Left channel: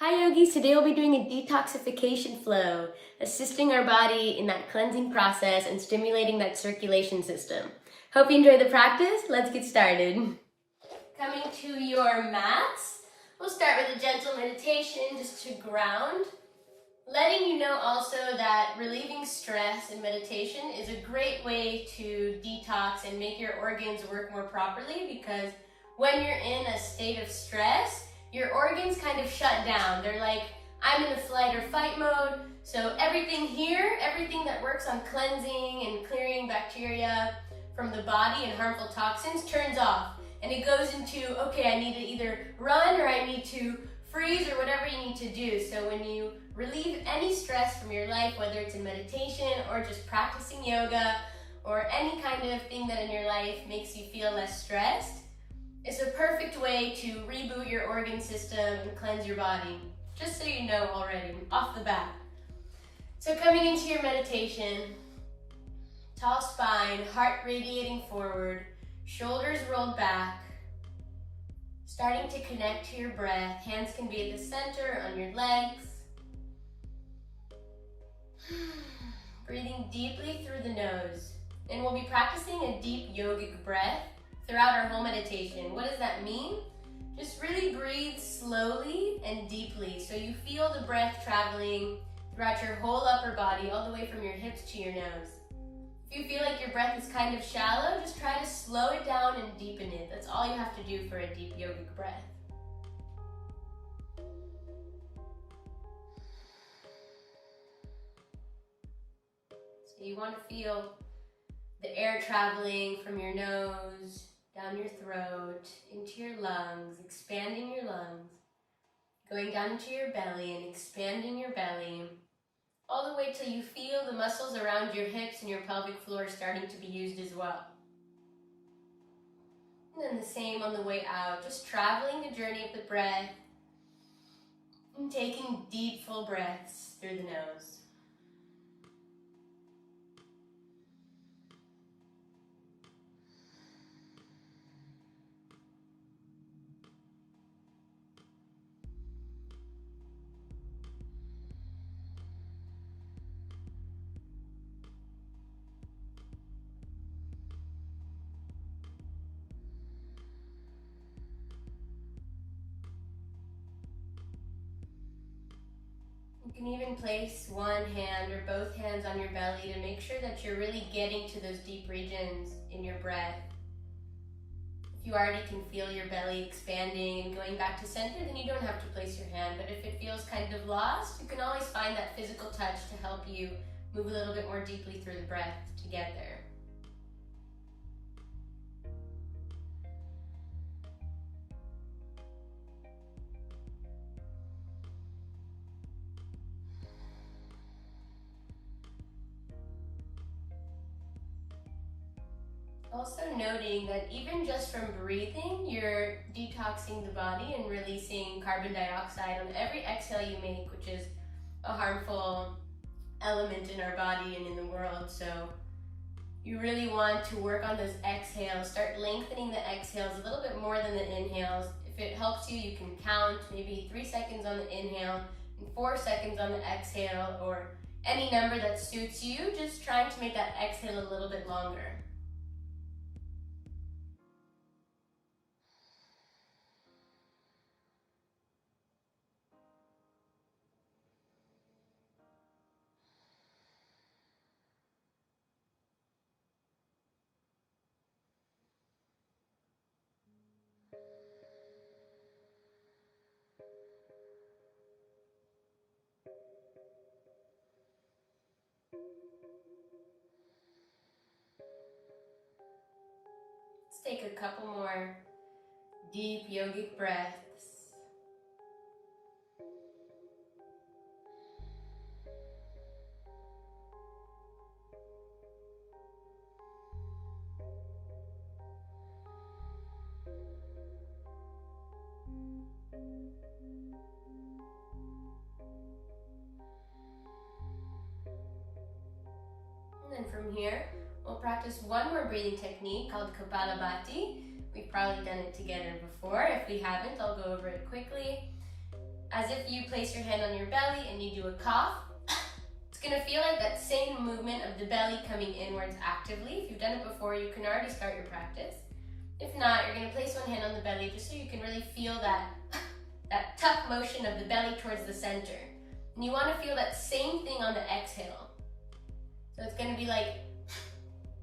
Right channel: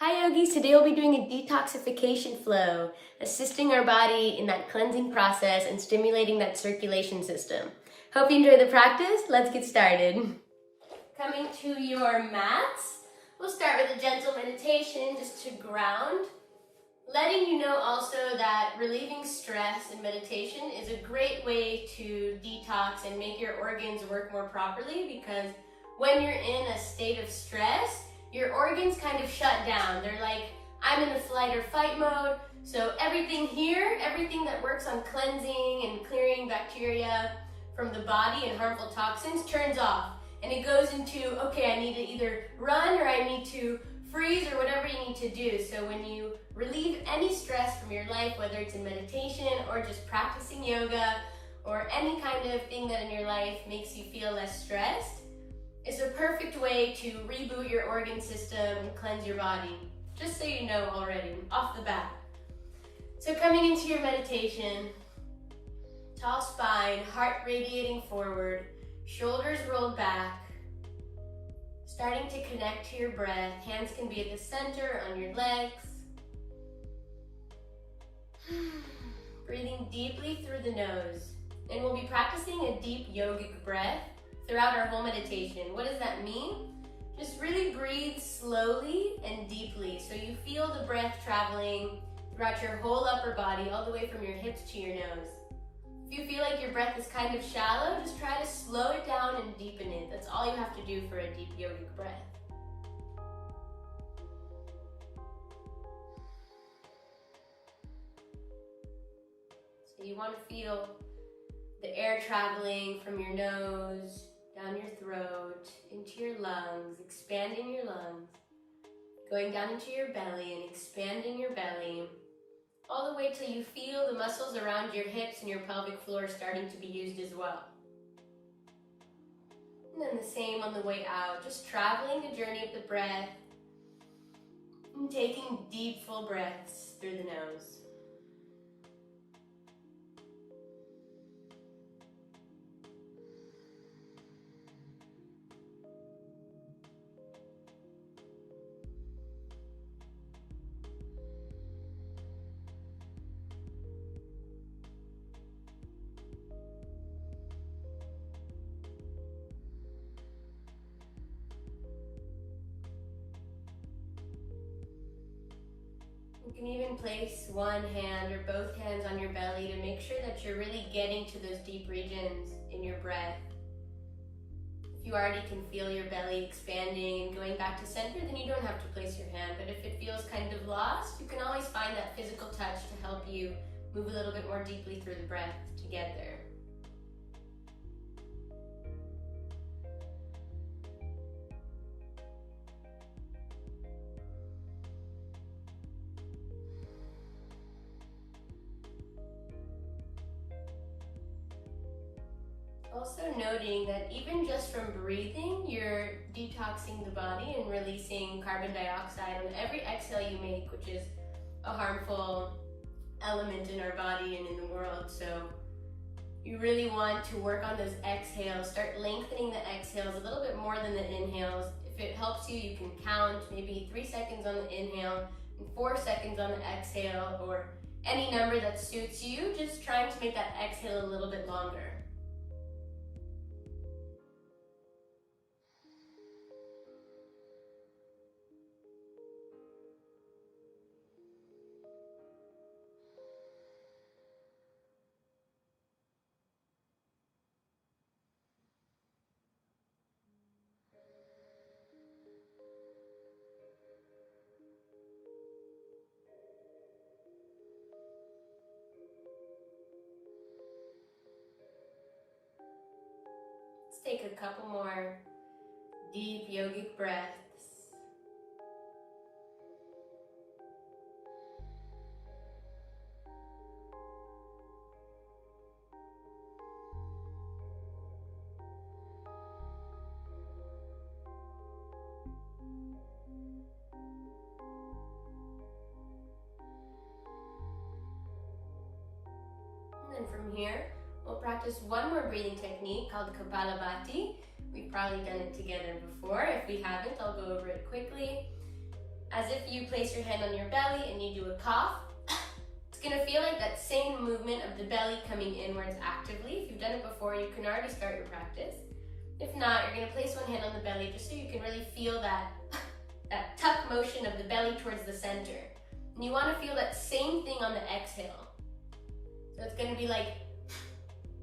Hi yogis, today we'll be doing a detoxification flow, assisting our body in that cleansing process and stimulating that circulation system. Hope you enjoy the practice. Let's get started. Coming to your mats, we'll start with a gentle meditation just to ground. Letting you know also that relieving stress in meditation is a great way to detox and make your organs work more properly, because when you're in a state of stress, your organs kind of shut down. They're like, I'm in a flight or fight mode. So everything here, everything that works on cleansing and clearing bacteria from the body and harmful toxins turns off. And it goes into, okay, I need to either run or I need to freeze or whatever you need to do. So when you relieve any stress from your life, whether it's in meditation or just practicing yoga or any kind of thing that in your life makes you feel less stressed, it's a perfect way to reboot your organ system and cleanse your body, just so you know already, off the bat. So coming into your meditation, tall spine, heart radiating forward, shoulders rolled back, starting to connect to your breath. Hands can be at the center, on your legs. Breathing deeply through the nose. And we'll be practicing a deep yogic breath throughout our whole meditation. What does that mean? Just really breathe slowly and deeply so you feel the breath traveling throughout your whole upper body, all the way from your hips to your nose. If you feel like your breath is kind of shallow, just try to slow it down and deepen it. That's all you have to do for a deep yogic breath. So you want to feel the air traveling from your nose, down your throat, into your lungs, expanding your lungs, going down into your belly and expanding your belly, all the way till you feel the muscles around your hips and your pelvic floor starting to be used as well. And then the same on the way out, just traveling the journey of the breath and taking deep, full breaths through the nose. You can even place one hand or both hands on your belly to make sure that you're really getting to those deep regions in your breath. If you already can feel your belly expanding and going back to center, then you don't have to place your hand. But if it feels kind of lost, you can always find that physical touch to help you move a little bit more deeply through the breath to get there. Also noting that even just from breathing, you're detoxing the body and releasing carbon dioxide on every exhale you make, which is a harmful element in our body and in the world. So you really want to work on those exhales, start lengthening the exhales a little bit more than the inhales. If it helps you, you can count maybe 3 seconds on the inhale and 4 seconds on the exhale, or any number that suits you, just trying to make that exhale a little bit longer. Let's take a couple more deep yogic breaths. And then from here, we'll practice one more breathing technique called Kapalabhati. We've probably done it together before. If we haven't, I'll go over it quickly. as if you place your hand on your belly and you do a cough. It's gonna feel like that same movement of the belly coming inwards actively. If you've done it before, you can already start your practice. If not, you're gonna place one hand on the belly just so you can really feel that, that tuck motion of the belly towards the center. And you wanna feel that same thing on the exhale. So it's gonna be like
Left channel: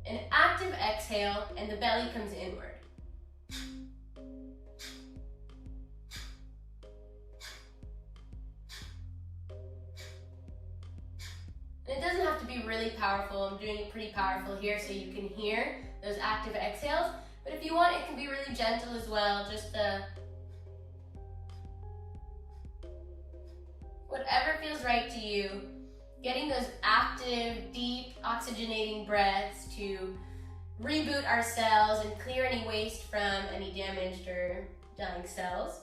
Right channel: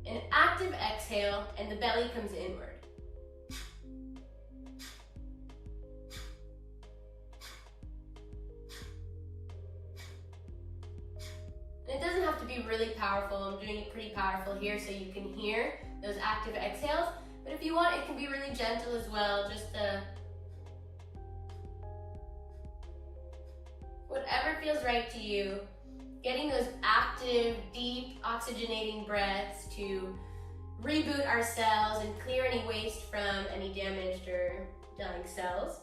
an active exhale and the belly comes inward. And it doesn't have to be really powerful. I'm doing it pretty powerful here so you can hear those active exhales. But if you want, it can be really gentle as well. Just whatever feels right to you. Getting those active, deep, oxygenating breaths to reboot our cells and clear any waste from any damaged or dying cells.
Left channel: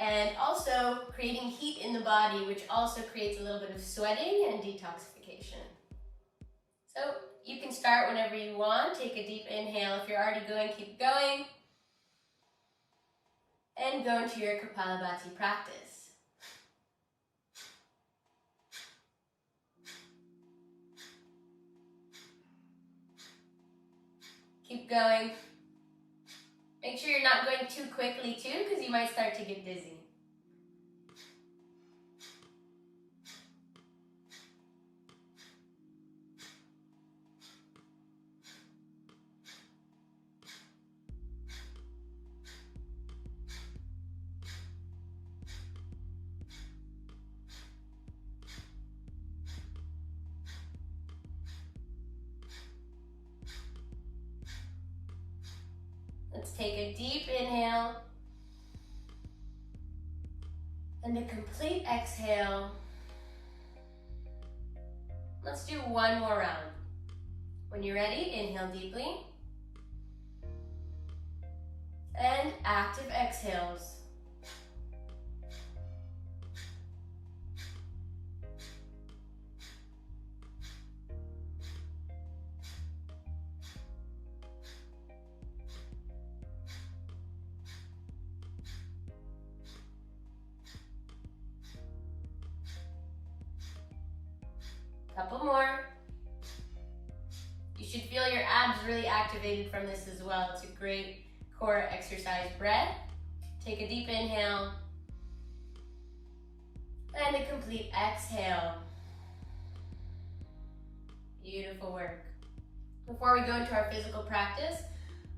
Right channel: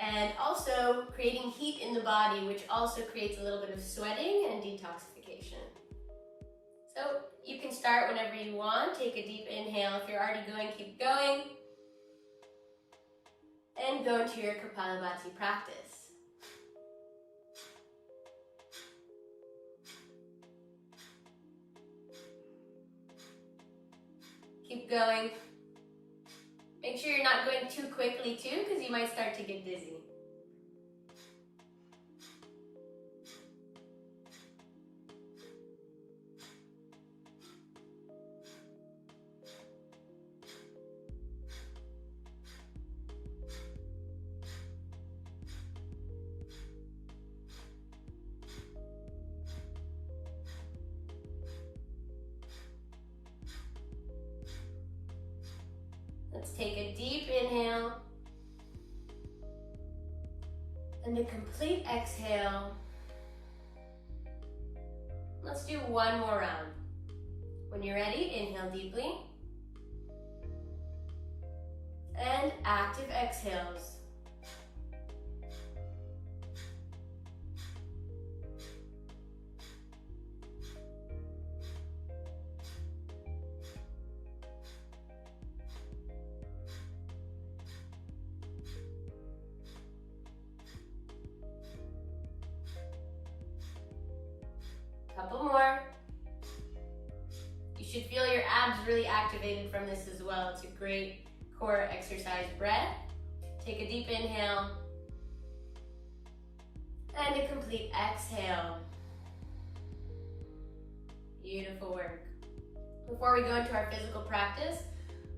And also creating heat in the body, which also creates a little bit of sweating and detoxification. So you can start whenever you want. Take a deep inhale. If you're already going, keep going. And go into your Kapalabhati practice. Keep going. Make sure you're not going too quickly too, because you might start to get dizzy. Let's take a deep inhale and a complete exhale. Let's do one more round. When you're ready, inhale deeply and active exhales. Couple more. You should feel your abs really activated from this as well. It's a great core exercise breath. Take a deep inhale and a complete exhale. Beautiful work. Before we go into our physical practice,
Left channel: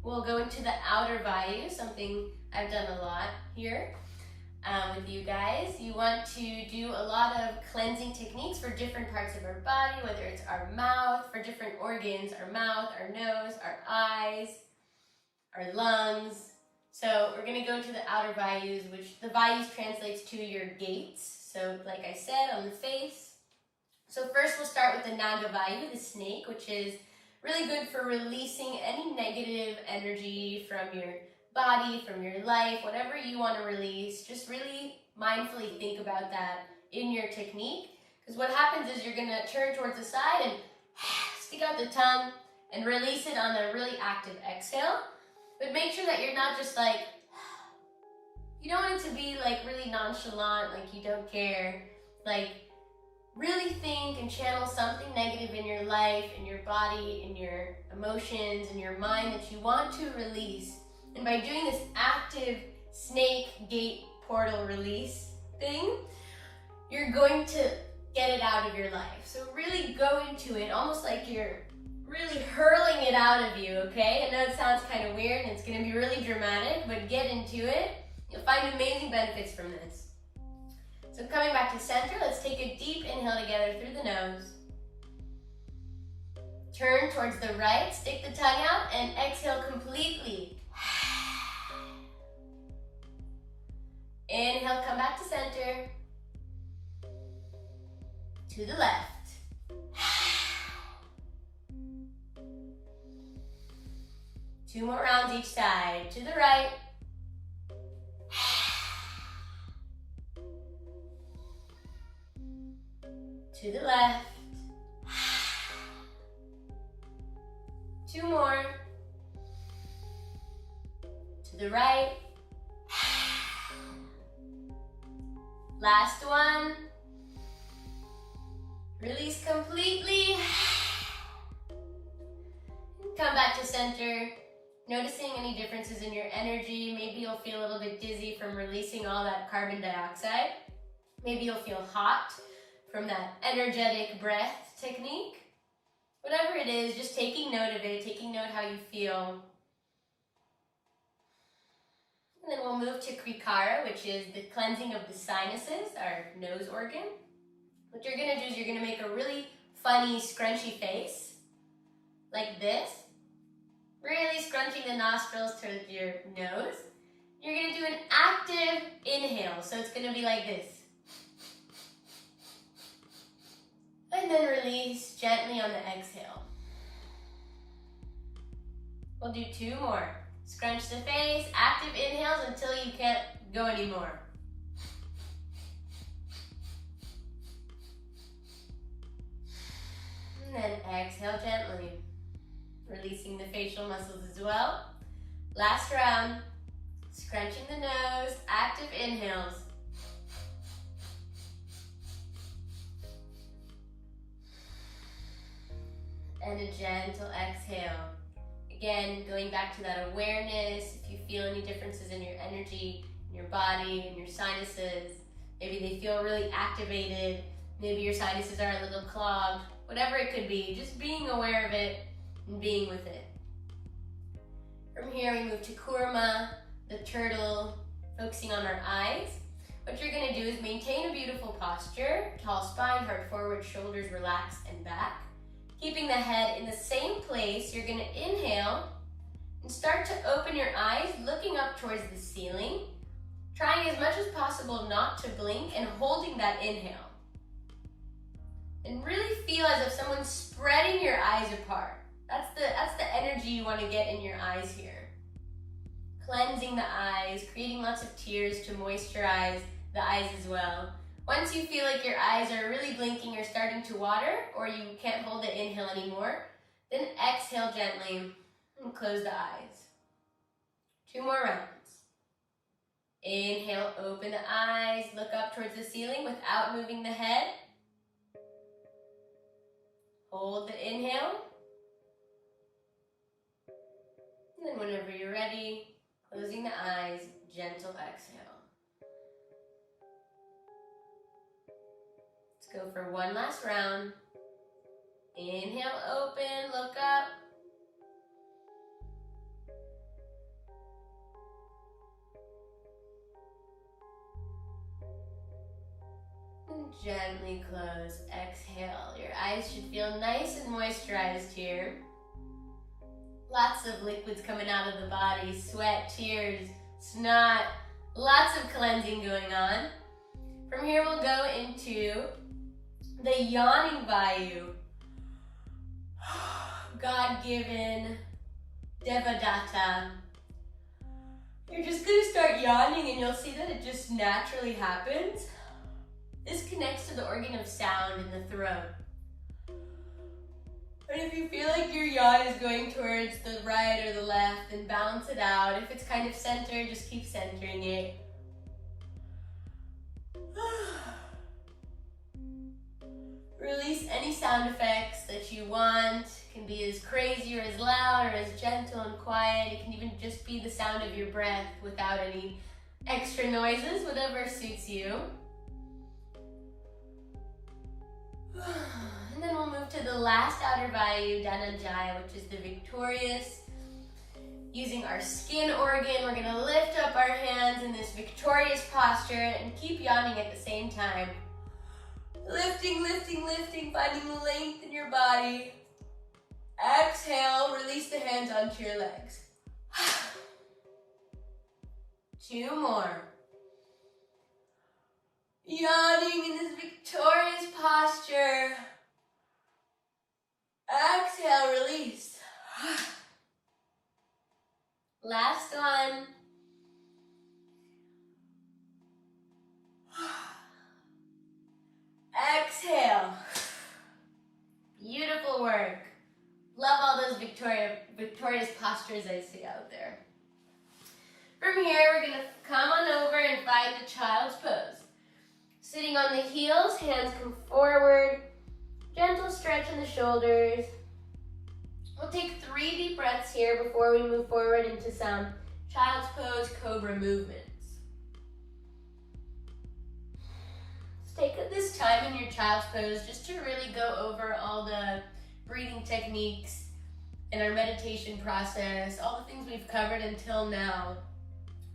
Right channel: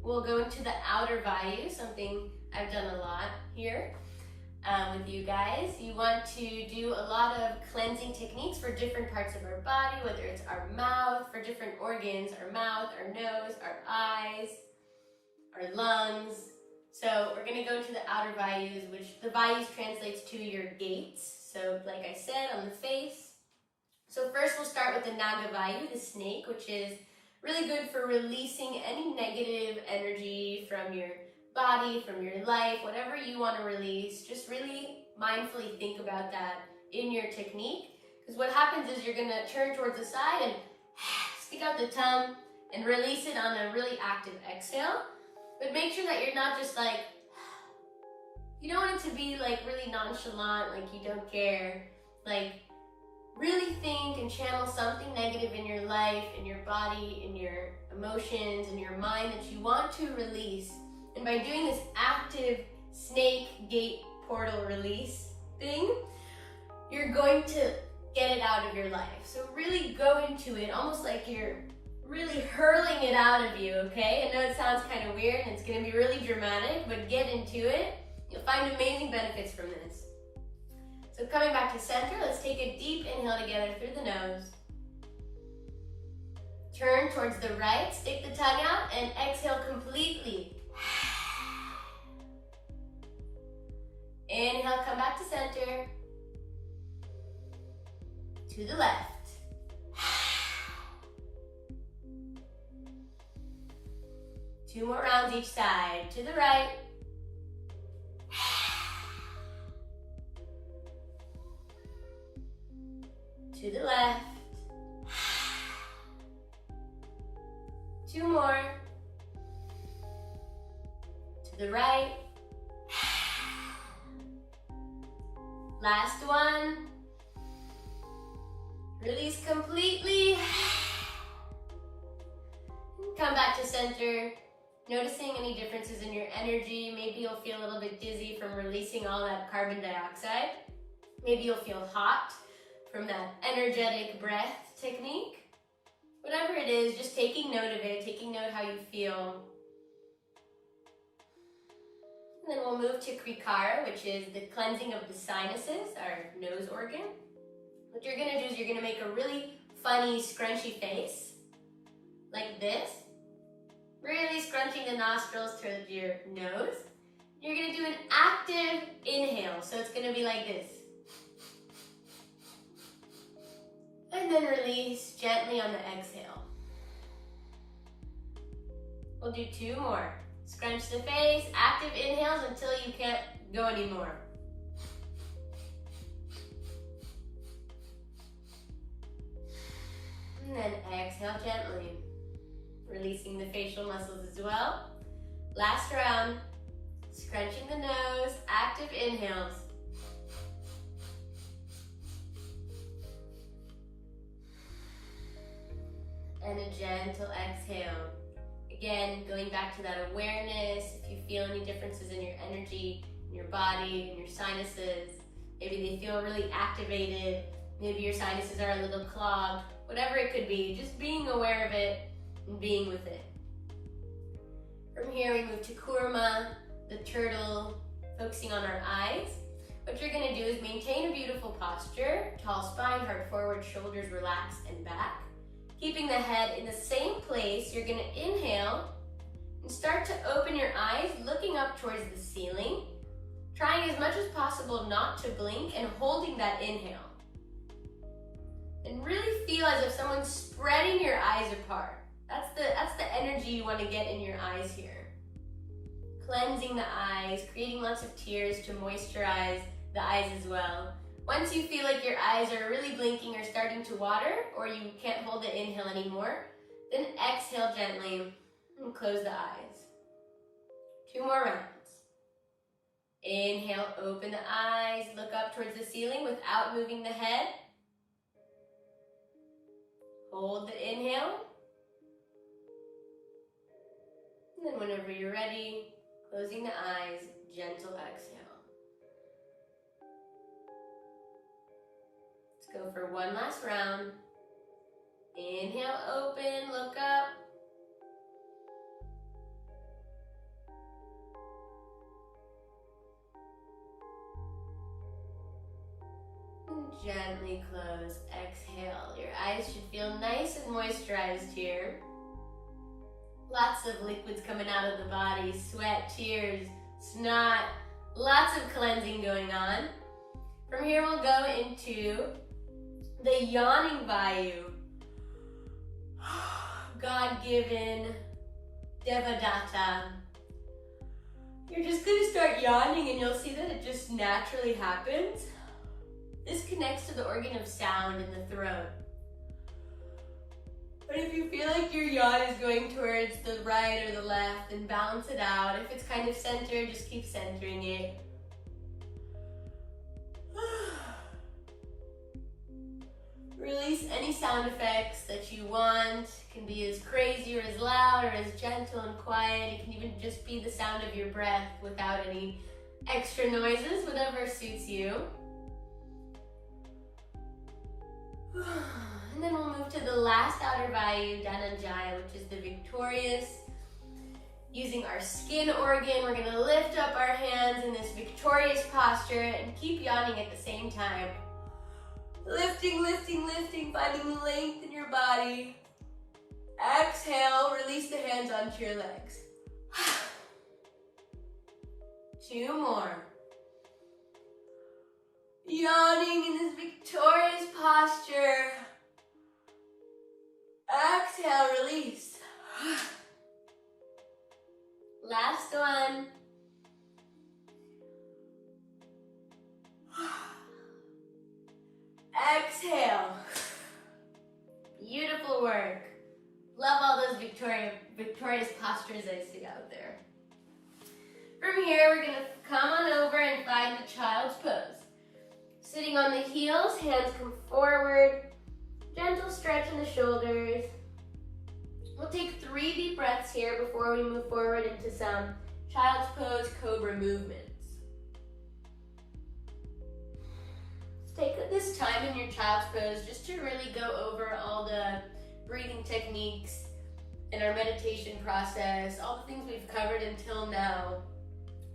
we'll go into the outer vayu, something I've done a lot here. With you guys. You want to do a lot of cleansing techniques for different parts of our body, whether it's our mouth, for different organs, our mouth, our nose, our eyes, our lungs. So we're going to go into the outer vayus, which the vayus translates to your gates. So like I said, on the face. So first we'll start with the naga vayu, the snake, which is really good for releasing any negative energy from your body, from your life, whatever you want to release. Just really mindfully think about that in your technique, because what happens is you're going to turn towards the side and stick out the tongue and release it on a really active exhale. But make sure that you're not just like, you don't want it to be like really nonchalant, like you don't care. Like really think and channel something negative in your life, in your body, in your emotions, in your mind that you want to release. And by doing this active snake gate portal release thing, you're going to get it out of your life. So really go into it almost like you're really hurling it out of you, okay? I know it sounds kind of weird and it's going to be really dramatic, but get into it. You'll find amazing benefits from this. So coming back to center, let's take a deep inhale together through the nose. Turn towards the right, stick the tongue out, and exhale completely. Inhale, come back to center. To the left. Two more rounds each side. To the right. To the left. Two more. To the right. Last one. Release completely. Come back to center. Noticing any differences in your energy. Maybe you'll feel a little bit dizzy from releasing all that carbon dioxide. Maybe you'll feel hot from that energetic breath technique. Whatever it is, just taking note of it, taking note how you feel. And then we'll move to Krikara, which is the cleansing of the sinuses, our nose organ. What you're gonna do is you're gonna make a really funny, scrunchy face, like this. Really scrunching the nostrils towards your nose. You're gonna do an active inhale, so it's gonna be like this. And then release gently on the exhale. We'll do 2 more. Scrunch the face, active inhales until you can't go anymore. And then exhale gently. Releasing the facial muscles as well. Last round. Scrunching the nose, active inhales. And a gentle exhale. Again, going back to that awareness. If you feel any differences in your energy, in your body, in your sinuses, maybe they feel really activated, maybe your sinuses are a little clogged, whatever it could be, just being aware of it and being with it. From here we move to Kurma, the turtle, focusing on our eyes. What you're gonna do is maintain a beautiful posture, tall spine, heart forward, shoulders relaxed and back. Keeping the head in the same place, you're gonna inhale and start to open your eyes, looking up towards the ceiling, trying as much as possible not to blink and holding that inhale. And really feel as if someone's spreading your eyes apart. That's the energy you want to get in your eyes here. Cleansing the eyes, creating lots of tears to moisturize the eyes as well. Once you feel like your eyes are really blinking or starting to water, or you can't hold the inhale anymore, then exhale gently and close the eyes. 2 more rounds. Inhale, open the eyes, look up towards the ceiling without moving the head. Hold the inhale. And then whenever you're ready, closing the eyes, gentle exhale. Let's go for 1 last round. Inhale, open, look up. And gently close, exhale. Your eyes should feel nice and moisturized here. Lots of liquids coming out of the body, sweat, tears, snot, lots of cleansing going on. From here we'll go into the yawning Vayu. God-given, Devadatta. You're just gonna start yawning and you'll see that it just naturally happens. This connects to the organ of sound in the throat. But if you feel like your yawn is going towards the right or the left, then balance it out. If it's kind of centered, just keep centering it. Release any sound effects that you want. It can be as crazy or as loud or as gentle and quiet. It can even just be the sound of your breath without any extra noises, whatever suits you. And then we'll move to the last outer Vayu, Dhananjaya, which is the victorious. Using our skin organ, we're gonna lift up our hands in this victorious posture and keep yawning at the same time. Lifting, lifting, lifting, finding length in your body. Exhale, release the hands onto your legs. 2 more. Yawning in this victorious posture. Exhale, release. Last one. Exhale. Beautiful work. Love all those victorious postures I see out there. From here, we're gonna come on over and find the child's pose. Sitting on the heels, hands come forward. Gentle stretch in the shoulders. We'll take 3 deep breaths here before we move forward into some child's pose cobra movements. Take this time in your child's pose just to really go over all the breathing techniques in our meditation process, all the things we've covered until now,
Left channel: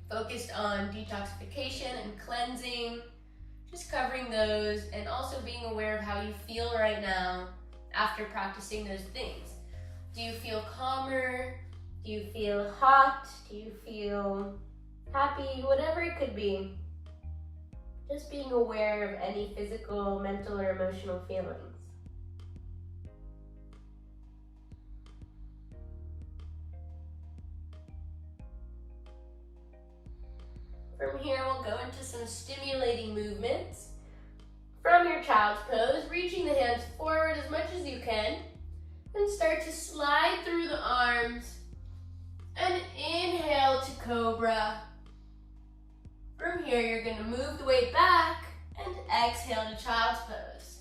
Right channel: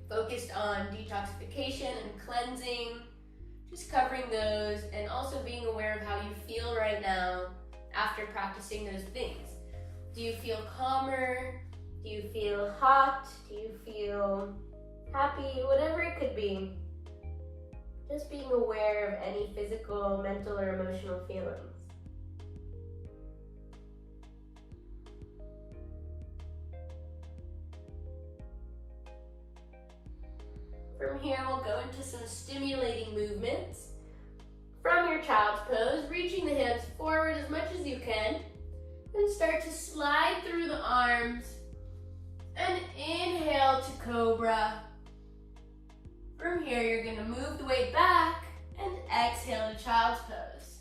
focused on detoxification and cleansing, just covering those, and also being aware of how you feel right now after practicing those things. Do you feel calmer? Do you feel hot? Do you feel happy? Whatever it could be. Just being aware of any physical, mental, or emotional feelings. From here, we'll go into some stimulating movements. From your child's pose, reaching the hands forward as much as you can, and start to slide through the arms, and inhale to cobra. From here, you're going to move the weight back and exhale to child's pose.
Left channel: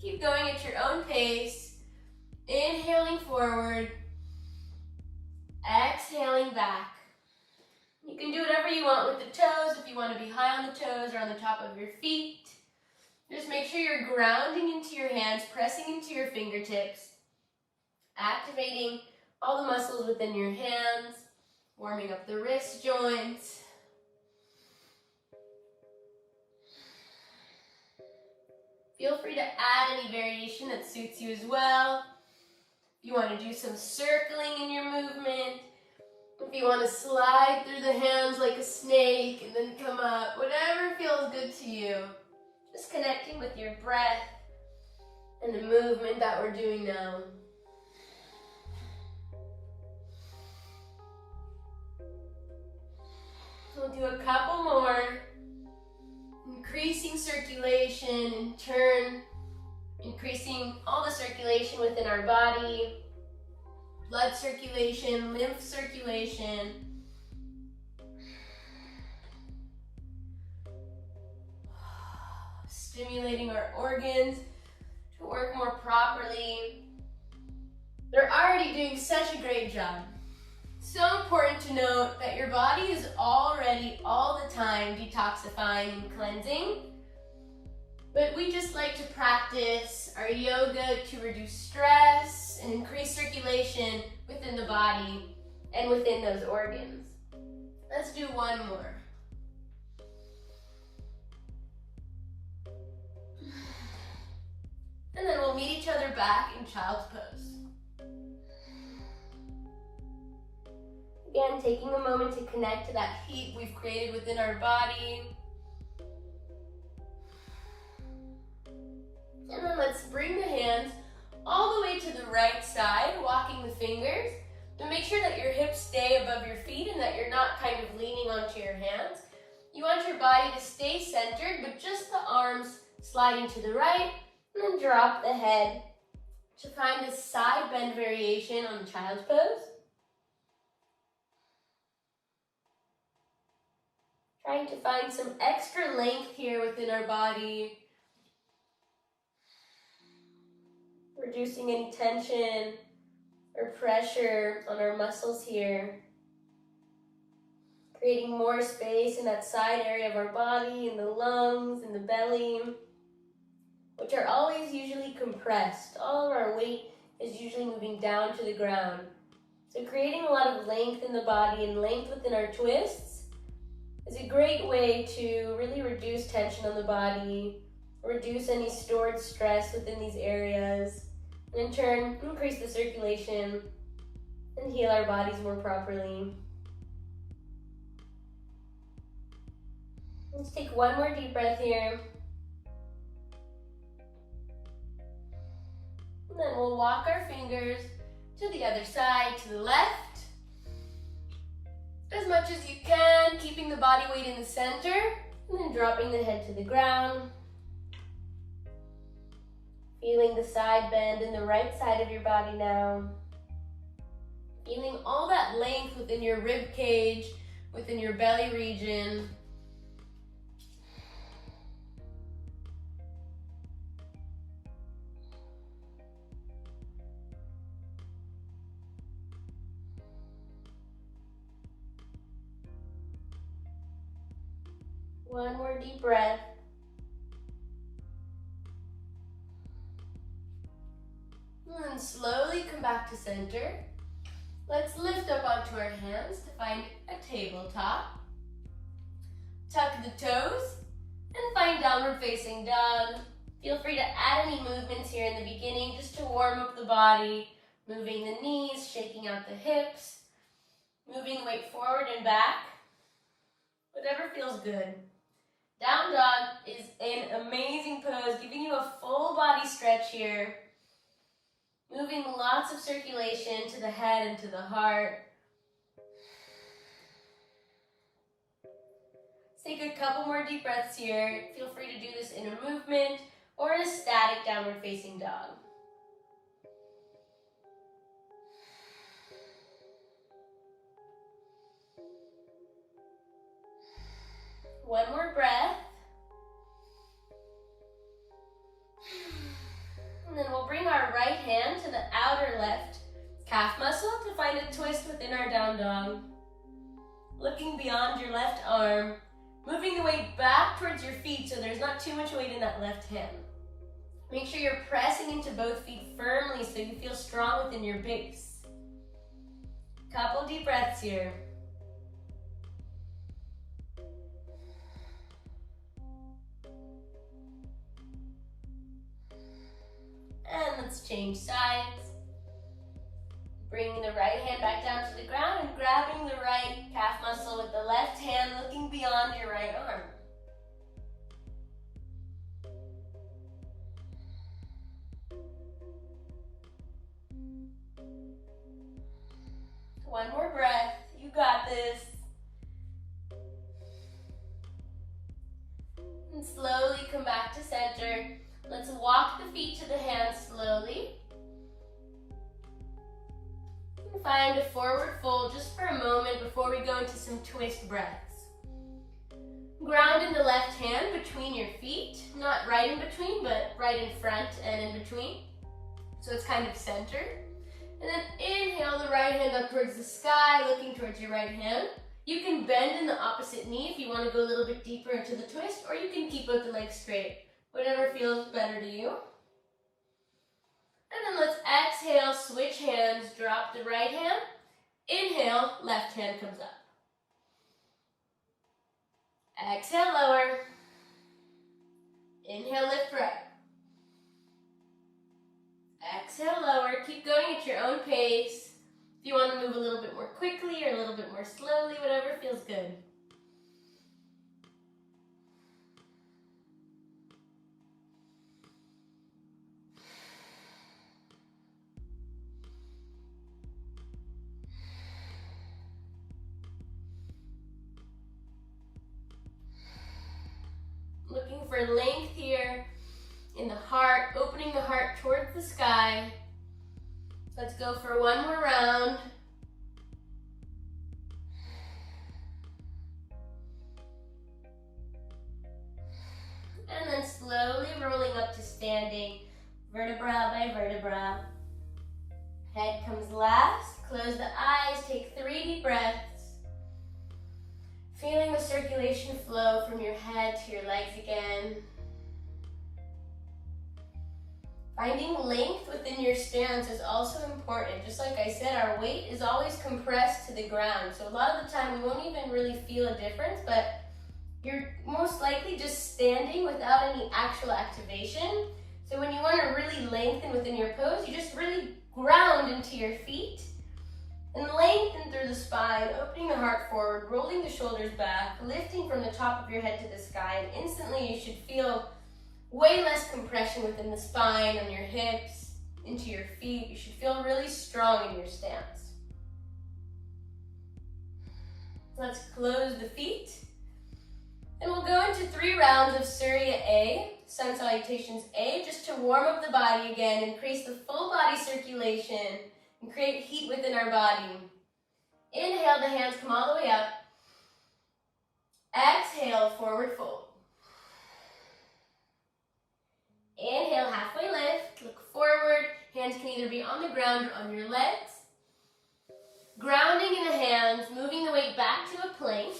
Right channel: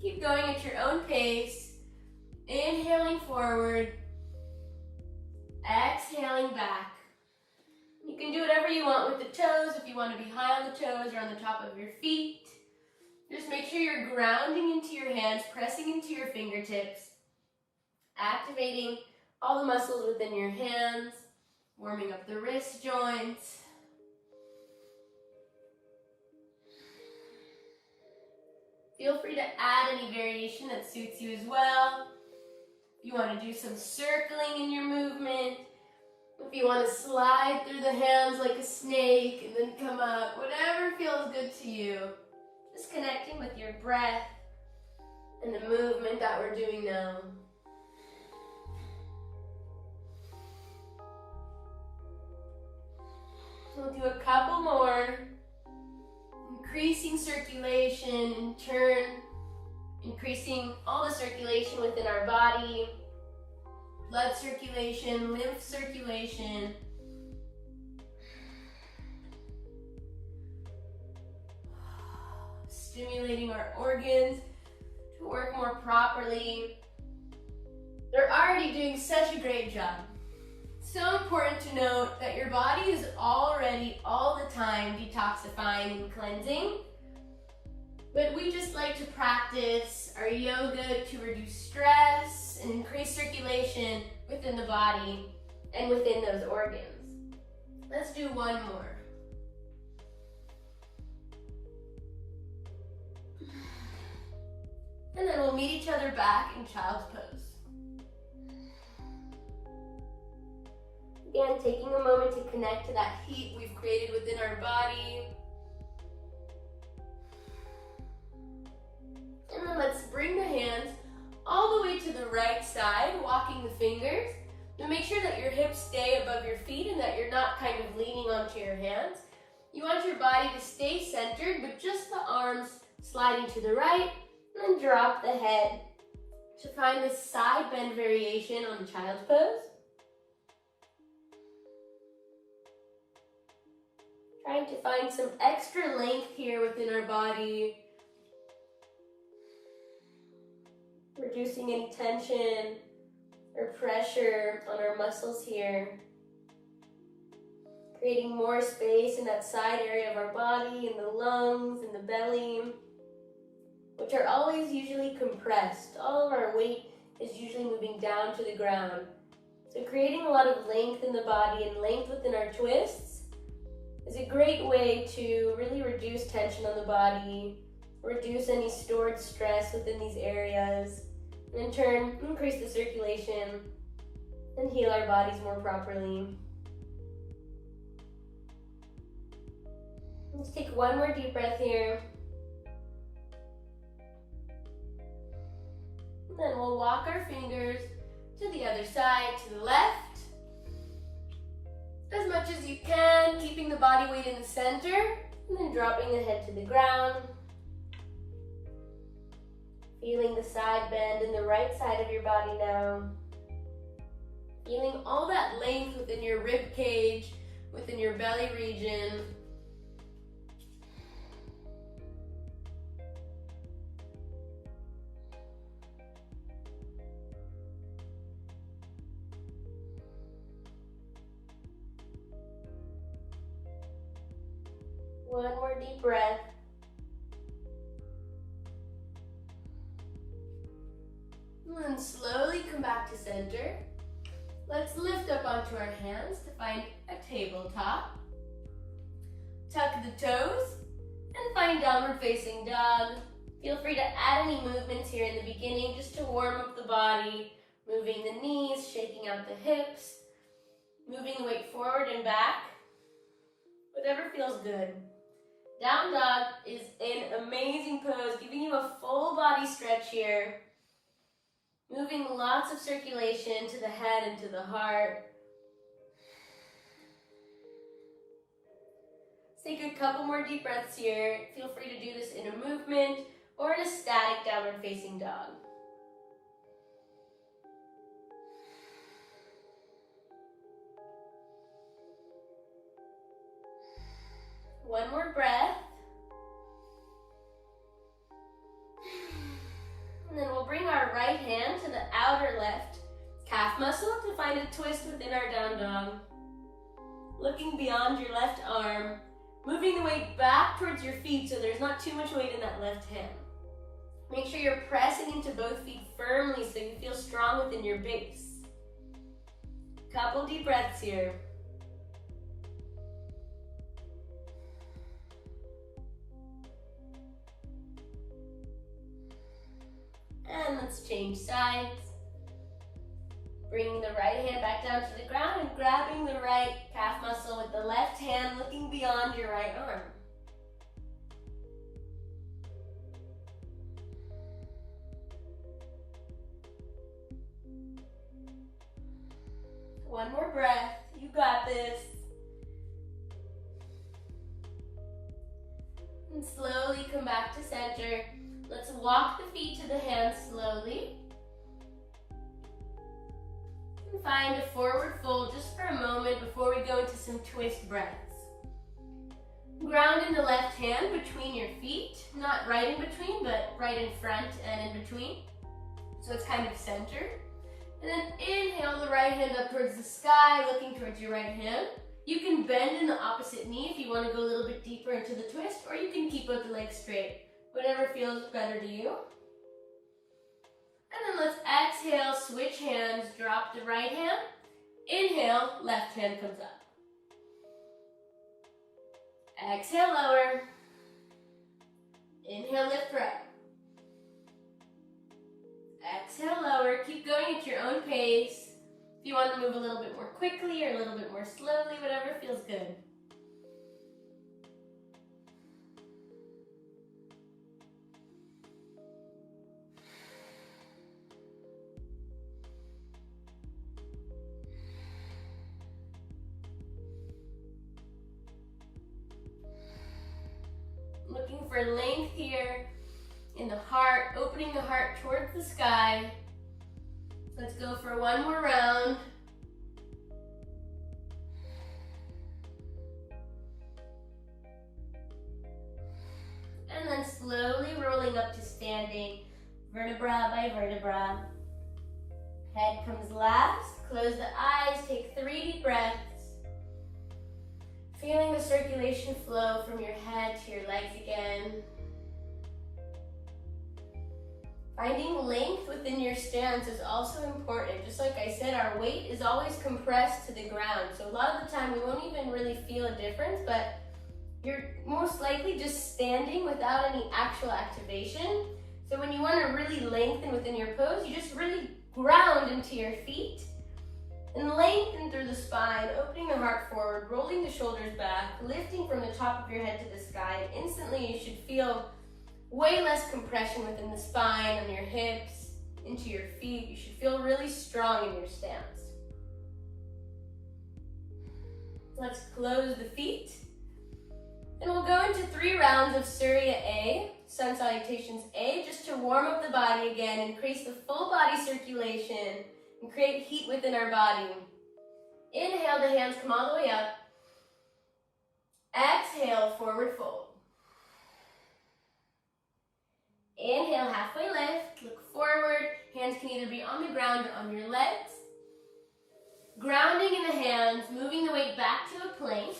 Keep going at your own pace, inhaling forward, exhaling back. You can do whatever you want with the toes, if you want to be high on the toes or on the top of your feet. Just make sure you're grounding into your hands, pressing into your fingertips, activating all the muscles within your hands, warming up the wrist joints. Feel free to add any variation that suits you as well. If you want to do some circling in your movement, if you want to slide through the hands like a snake and then come up, whatever feels good to you. Just connecting with your breath and the movement that we're doing now. We'll do a couple more. Increasing circulation in turn, increasing all the circulation within our body, blood circulation, lymph circulation. Stimulating our organs to work more properly. They're already doing such a great job. So important to note that your body is already all the time detoxifying and cleansing, but we just like to practice our yoga to reduce stress and increase circulation within the body and within those organs. Let's do one more. And then we'll meet each other back in child's pose. Again, taking a moment to connect to that heat we've created within our body. And then let's bring the hands all the way to the right side, walking the fingers. And make sure that your hips stay above your feet and that you're not kind of leaning onto your hands. You want your body to stay centered, but just the arms sliding to the right, and then drop the head to find this side bend variation on the child's pose. Trying to find some extra length here within our body. Reducing any tension or pressure on our muscles here. Creating more space in that side area of our body, in the lungs, in the belly, which are always usually compressed. All of our weight is usually moving down to the ground. So creating a lot of length in the body and length within our twists is a great way to really reduce tension on the body, reduce any stored stress within these areas, and in turn, increase the circulation and heal our bodies more properly. Let's take one more deep breath here. And then we'll walk our fingers to the other side, to the left. As much as you can, keeping the body weight in the center, and then dropping the head to the ground. Feeling the side bend in the right side of your body now. Feeling all that length within your rib cage, within your belly region. One more deep breath. And then slowly come back to center. Let's lift up onto our hands to find a tabletop. Tuck the toes and find downward facing dog. Feel free to add any movements here in the beginning just to warm up the body, moving the knees, shaking out the hips, moving the weight forward and back, whatever feels good. Down dog is an amazing pose, giving you a full body stretch here, moving lots of circulation to the head and to the heart. Let's take a couple more deep breaths here. Feel free to do this in a movement or in a static downward facing dog. One more breath. And then we'll bring our right hand to the outer left calf muscle to find a twist within our down dog. Looking beyond your left arm, moving the weight back towards your feet so there's not too much weight in that left hand. Make sure you're pressing into both feet firmly so you feel strong within your base. Couple deep breaths here. And let's change sides. Bringing the right hand back down to the ground and grabbing the right calf muscle with the left hand, looking beyond your right arm. One more breath. You got this. And slowly come back to center. Let's walk the feet to the hands slowly. And find a forward fold just for a moment before we go into some twist breaths. Ground in the left hand between your feet, not right in between, but right in front and in between. So it's kind of centered. And then inhale the right hand up towards the sky, looking towards your right hand. You can bend in the opposite knee if you want to go a little bit deeper into the twist, or you can keep both the legs straight. Whatever feels better to you. And then let's exhale, switch hands, drop the right hand. Inhale, left hand comes up. Exhale, lower. Inhale, lift right. Exhale, lower. Keep going at your own pace. If you want to move a little bit more quickly or a little bit more slowly, whatever feels good. Looking for length here in the heart, opening the heart towards the sky. Let's go for one more round. And then slowly rolling up to standing, vertebra by vertebra. Head comes last. Close the eyes, take 3 deep breaths. Feeling the circulation flow from your head to your legs again. Finding length within your stance is also important. Just like I said, our weight is always compressed to the ground. So a lot of the time we won't even really feel a difference, but you're most likely just standing without any actual activation. So when you want to really lengthen within your pose, you just really ground into your feet and lengthen through the spine, opening the heart forward, rolling the shoulders back, lifting from the top of your head to the sky, and instantly you should feel way less compression within the spine, on your hips, into your feet. You should feel really strong in your stance. Let's close the feet. And we'll go into 3 rounds of Surya A, Sun Salutations A, just to warm up the body again, increase the full body circulation, and create heat within our body. Inhale, the hands come all the way up. Exhale, forward fold. Inhale, halfway lift, look forward. Hands can either be on the ground or on your legs. Grounding in the hands, moving the weight back to a plank.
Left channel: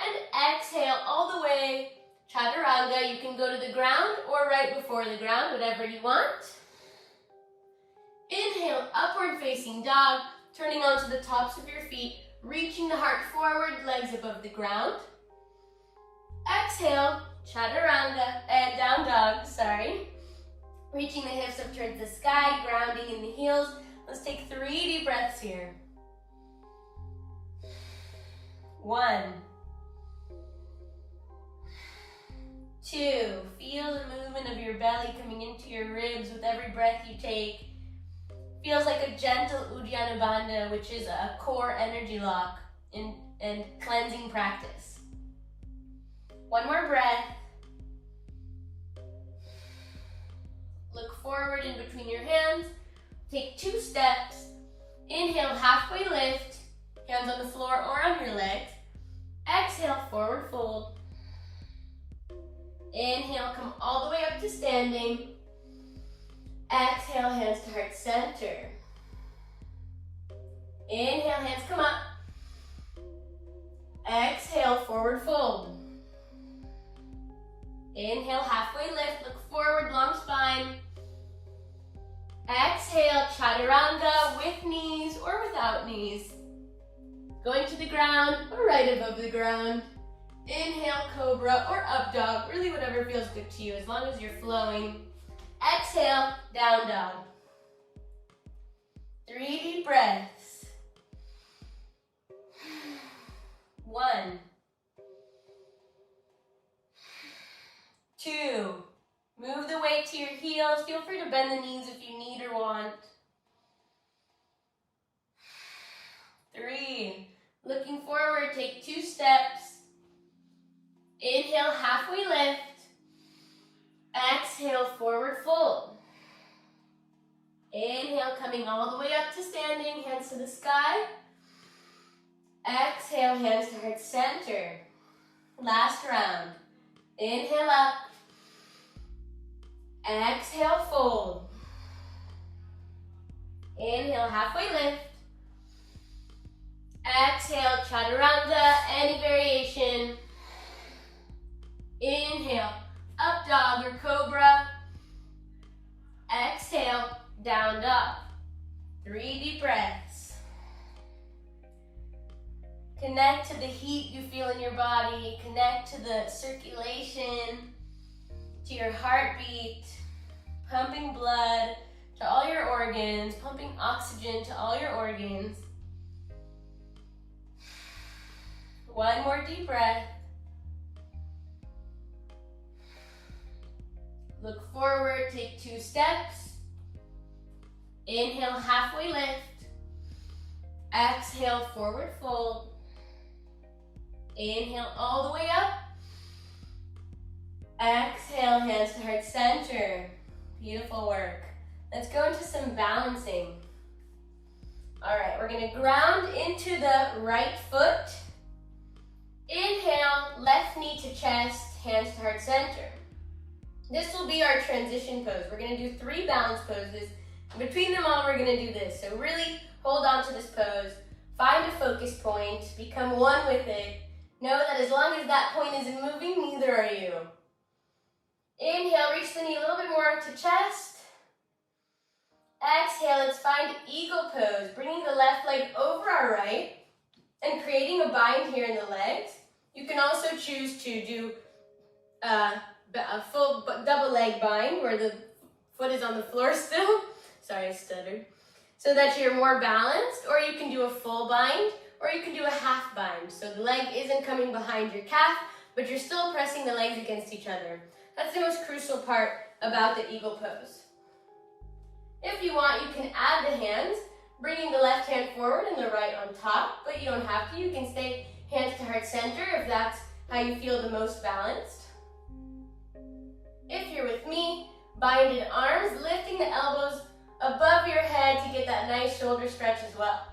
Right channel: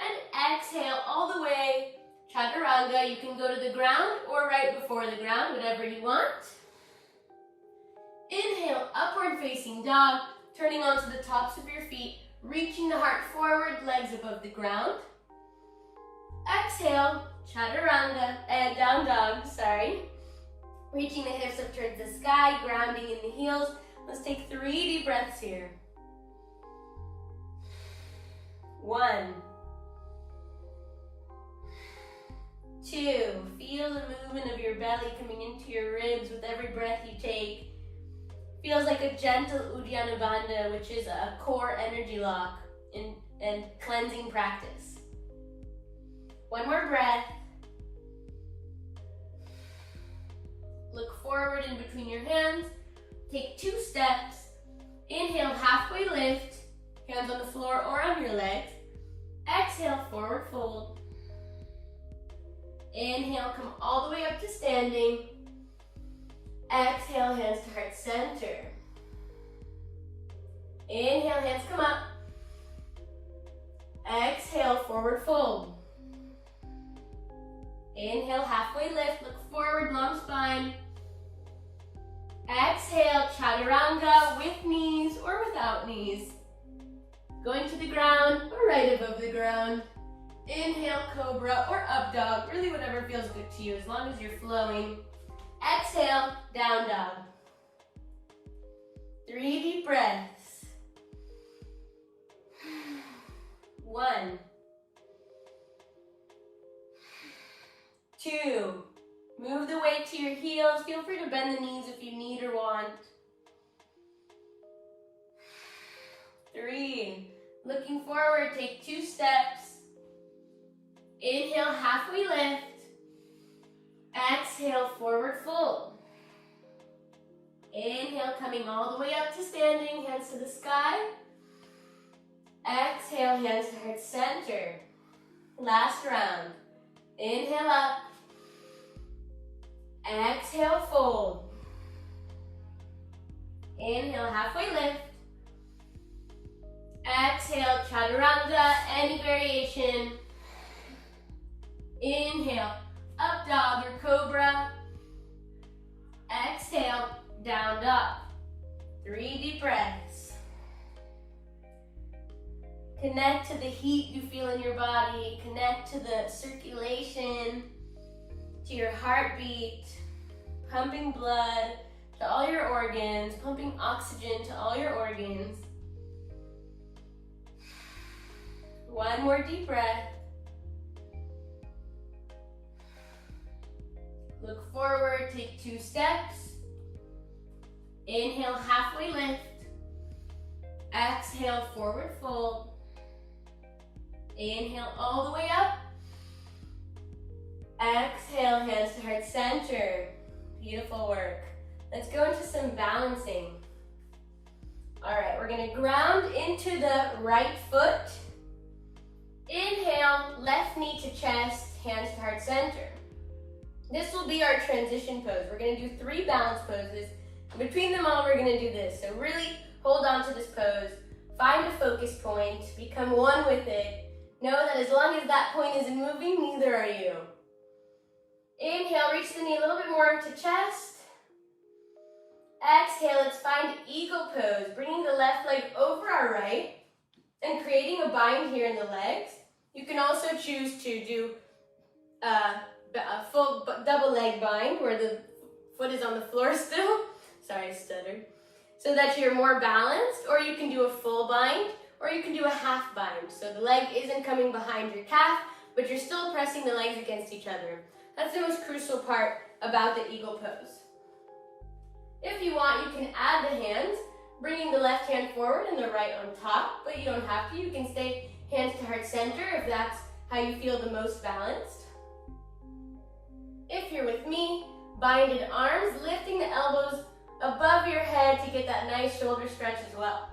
And exhale all the way Chaturanga, you can go to the ground or right before the ground, whatever you want. Inhale, upward facing dog, turning onto the tops of your feet, reaching the heart forward, legs above the ground. Exhale, chaturanga, and down dog, sorry. Reaching the hips up towards the sky, grounding in the heels. Let's take 3 deep breaths here. 1, 2, feel the movement of your belly coming into your ribs with every breath you take. Feels like a gentle Uddiyana Bandha, which is a core energy lock and cleansing practice. 1 more breath. Look forward in between your hands. Take 2 steps. Inhale, halfway lift. Hands on the floor or on your legs. Exhale, forward fold. Inhale, come all the way up to standing. Exhale, hands to heart center. Inhale, hands come up. Exhale, forward fold. Inhale, halfway lift, look forward, long spine. Exhale, chaturanga with knees or without knees. Going to the ground or right above the ground. Inhale, cobra or up dog, really whatever feels good to you as long as you're flowing. Exhale, down dog. 3 deep breaths. 1, 2, move the weight to your heels. Feel free to bend the knees if you need or want. 3, looking forward, take 2 steps. Inhale, halfway lift. Exhale, forward fold. Inhale, coming all the way up to standing, hands to the sky. Exhale, hands to heart center. Last round. Inhale up. Exhale, fold. Inhale, halfway lift. Exhale, chaturanga, any variation. Inhale, up dog or cobra. Exhale, down dog. 3 deep breaths. Connect to the heat you feel in your body. Connect to the circulation, to your heartbeat, pumping blood to all your organs, pumping oxygen to all your organs. 1 more deep breath. Look forward, take 2 steps. Inhale, halfway lift. Exhale, forward fold. Inhale all the way up. Exhale, hands to heart center. Beautiful work. Let's go into some balancing. All right, we're gonna ground into the right foot. Inhale, left knee to chest, hands to heart center. This will be our transition pose. We're gonna do 3 balance poses. Between them all, we're gonna do this. So really hold on to this pose. Find a focus point, become one with it. Know that as long as that point isn't moving, neither are you. Inhale, reach the knee a little bit more up to chest. Exhale, let's find eagle pose, bringing the left leg over our right and creating a bind here in the legs. You can also choose to do a full double leg bind where the foot is on the floor still. Sorry, I stuttered. So that you're more balanced, or you can do a full bind, or you can do a half bind. So the leg isn't coming behind your calf, but you're still pressing the legs against each other. That's the most crucial part about the eagle pose. If you want, you can add the hands, bringing the left hand forward and the right on top, but you don't have to. You can stay hands to heart center if that's how you feel the most balanced. If you're with me, binded arms, lifting the elbows above your head to get that nice shoulder stretch as well.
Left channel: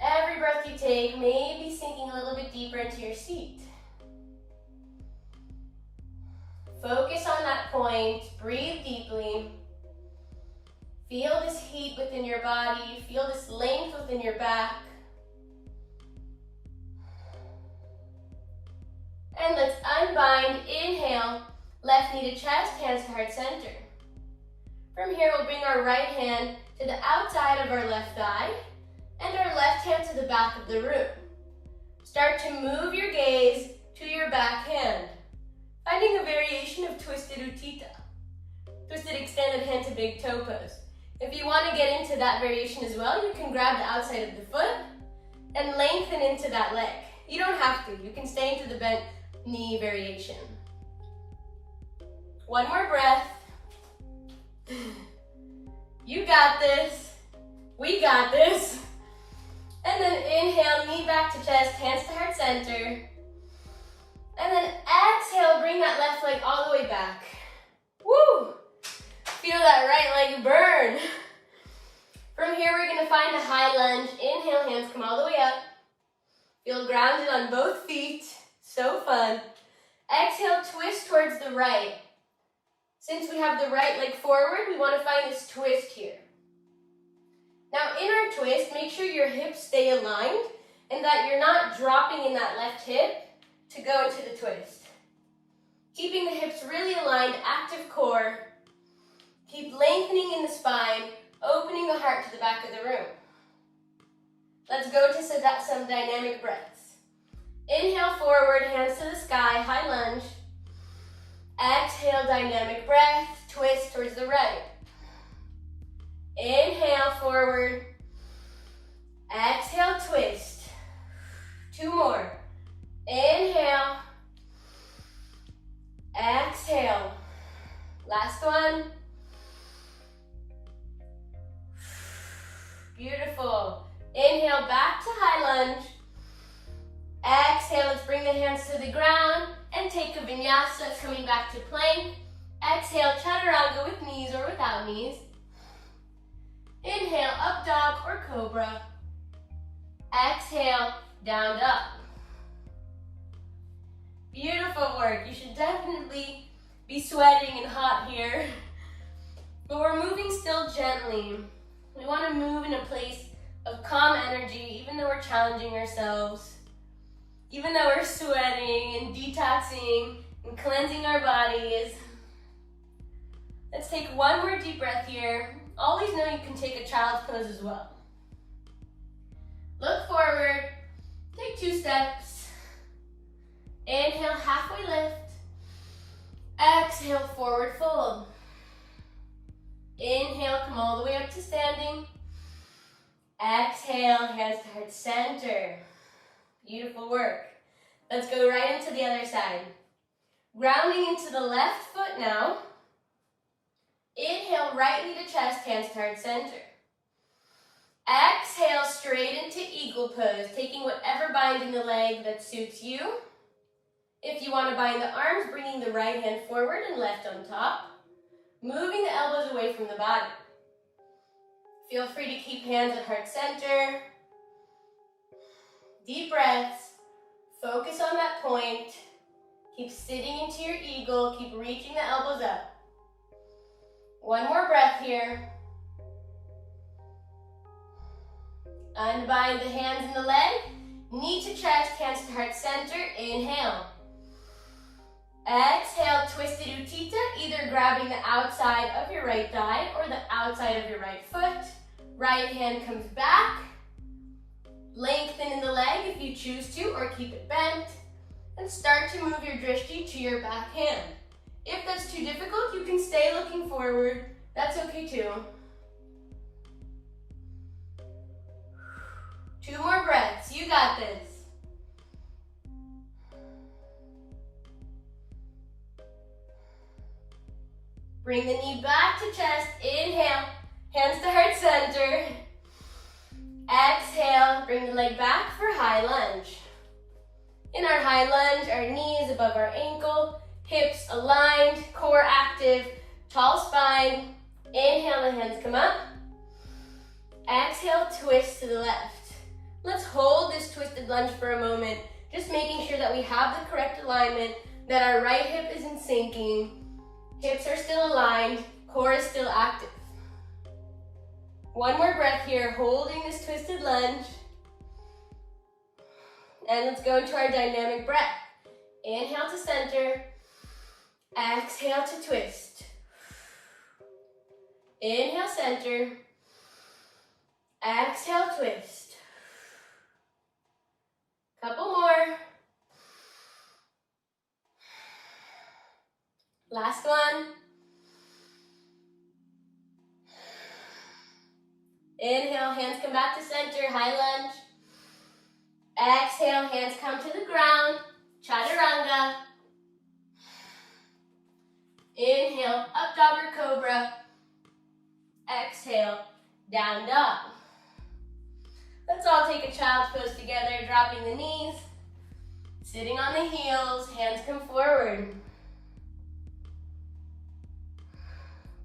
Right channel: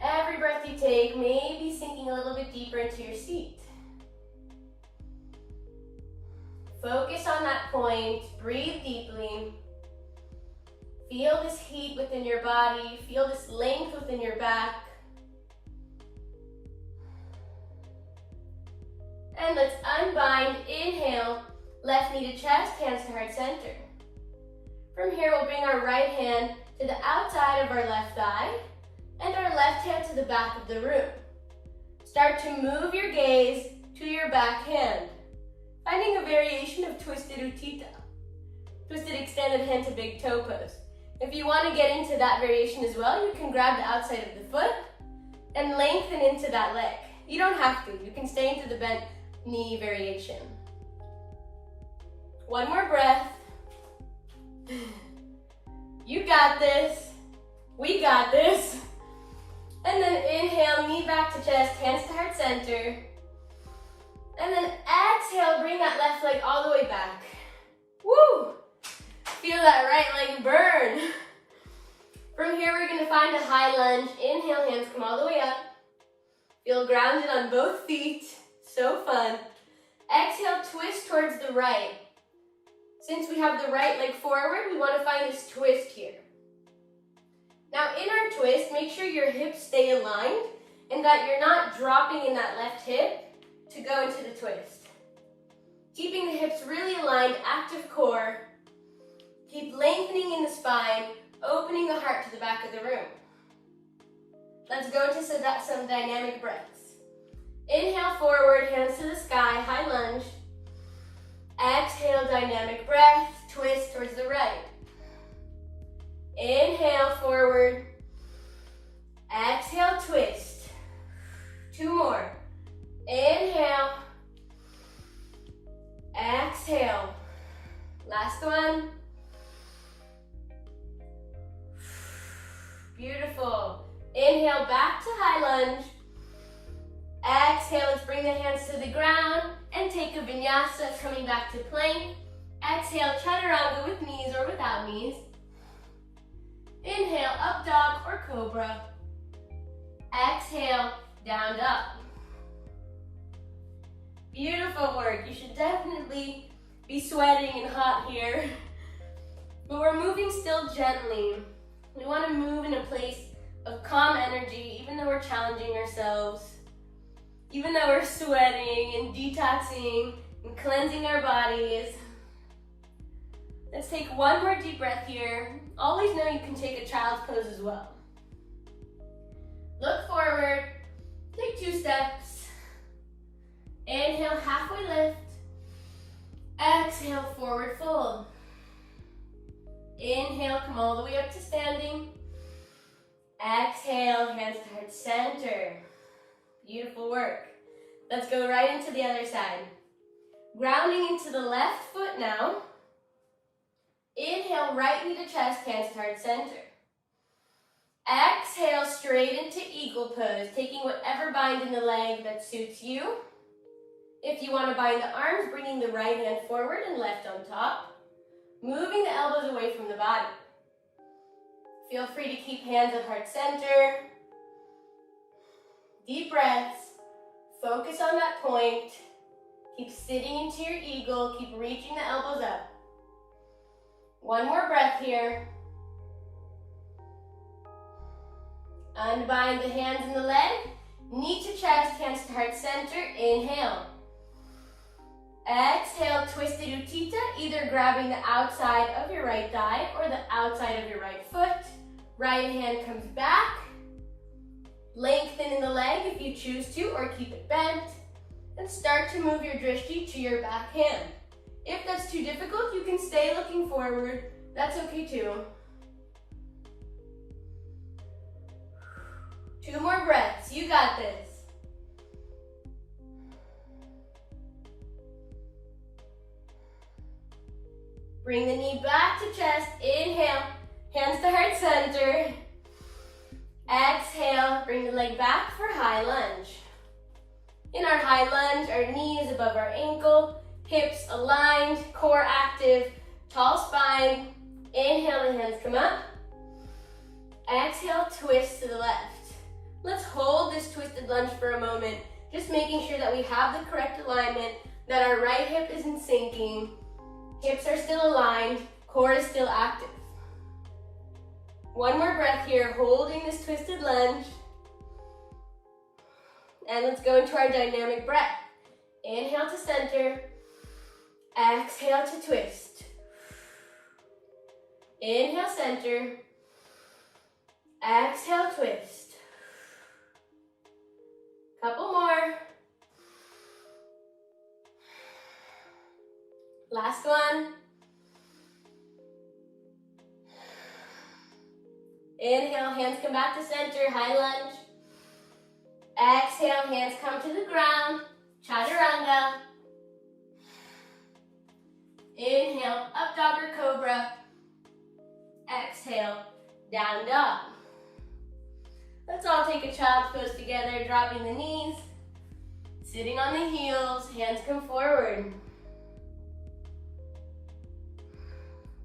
Every breath you take, maybe sinking a little bit deeper into your seat. Focus on that point, breathe deeply. Feel this heat within your body, feel this length within your back. And let's unbind. Inhale, left knee to chest, hands to heart center. From here, we'll bring our right hand to the outside of our left thigh and our left hand to the back of the room. Start to move your gaze to your back hand, finding a variation of twisted utthita, twisted extended hand to big toe pose. If you want to get into that variation as well, you can grab the outside of the foot and lengthen into that leg. You don't have to. You can stay into the bent knee variation. One more breath. You got this. We got this. And then inhale, knee back to chest, hands to heart center. And then exhale, bring that left leg all the way back. Woo! Feel that right leg burn. From here, we're gonna find a high lunge. Inhale, hands come all the way up. Feel grounded on both feet. So fun. Exhale, twist towards the right. Since we have the right leg forward, we want to find this twist here. Now in our twist, make sure your hips stay aligned and that you're not dropping in that left hip to go into the twist. Keeping the hips really aligned, active core. Keep lengthening in the spine, opening the heart to the back of the room. Let's go to some dynamic breaths. Inhale forward, hands to the sky, high lunge. Exhale, dynamic breath, twist towards the right. Inhale forward. Exhale, twist. Two more. Inhale. Exhale. Last one. Beautiful. Inhale, back to high lunge. Exhale, let's bring the hands to the ground and take a vinyasa, coming back to plank. Exhale, chaturanga with knees or without knees. Inhale, up dog or cobra. Exhale, down dog. Beautiful work. You should definitely be sweating and hot here. But we're moving still gently. We want to move in a place of calm energy, even though we're challenging ourselves. Even though we're sweating and detoxing and cleansing our bodies. Let's take one more deep breath here. Always know you can take a child's pose as well. Look forward, take 2 steps. Inhale, halfway lift. Exhale, forward fold. Inhale, come all the way up to standing. Exhale, hands to heart center. Beautiful work. Let's go right into the other side. Grounding into the left foot now. Inhale, right knee to chest, hands to heart center. Exhale, straight into eagle pose, taking whatever bind in the leg that suits you. If you want to bind the arms, bringing the right hand forward and left on top. Moving the elbows away from the body. Feel free to keep hands at heart center. Deep breaths. Focus on that point. Keep sitting into your eagle. Keep reaching the elbows up. One more breath here. Unbind the hands and the leg. Knee to chest, hands to heart center. Inhale. Exhale, twisted utthita, either grabbing the outside of your right thigh or the outside of your right foot. Right hand comes back. Lengthen in the leg if you choose to, or keep it bent. And start to move your drishti to your back hand. If that's too difficult, you can stay looking forward. That's okay too. 2 more breaths. You got this. Bring the knee back to chest. Inhale. Hands to heart center. Exhale. Bring the leg back for high lunge. In our high lunge, our knees above our ankle, hips aligned, core active, tall spine. Inhale, the hands come up. Exhale, twist to the left. Let's hold this twisted lunge for a moment, just making sure that we have the correct alignment, that our right hip isn't sinking, hips are still aligned, core is still active. One more breath here, holding this twisted lunge. And let's go into our dynamic breath. Inhale to center. Exhale to twist. Inhale, center. Exhale, twist. Couple more. Last one. Inhale, hands come back to center, high lunge. Exhale, hands come to the ground, chaturanga. Inhale, up dog or cobra. Exhale, down dog. Let's all take a child's pose together, dropping the knees, sitting on the heels, hands come forward.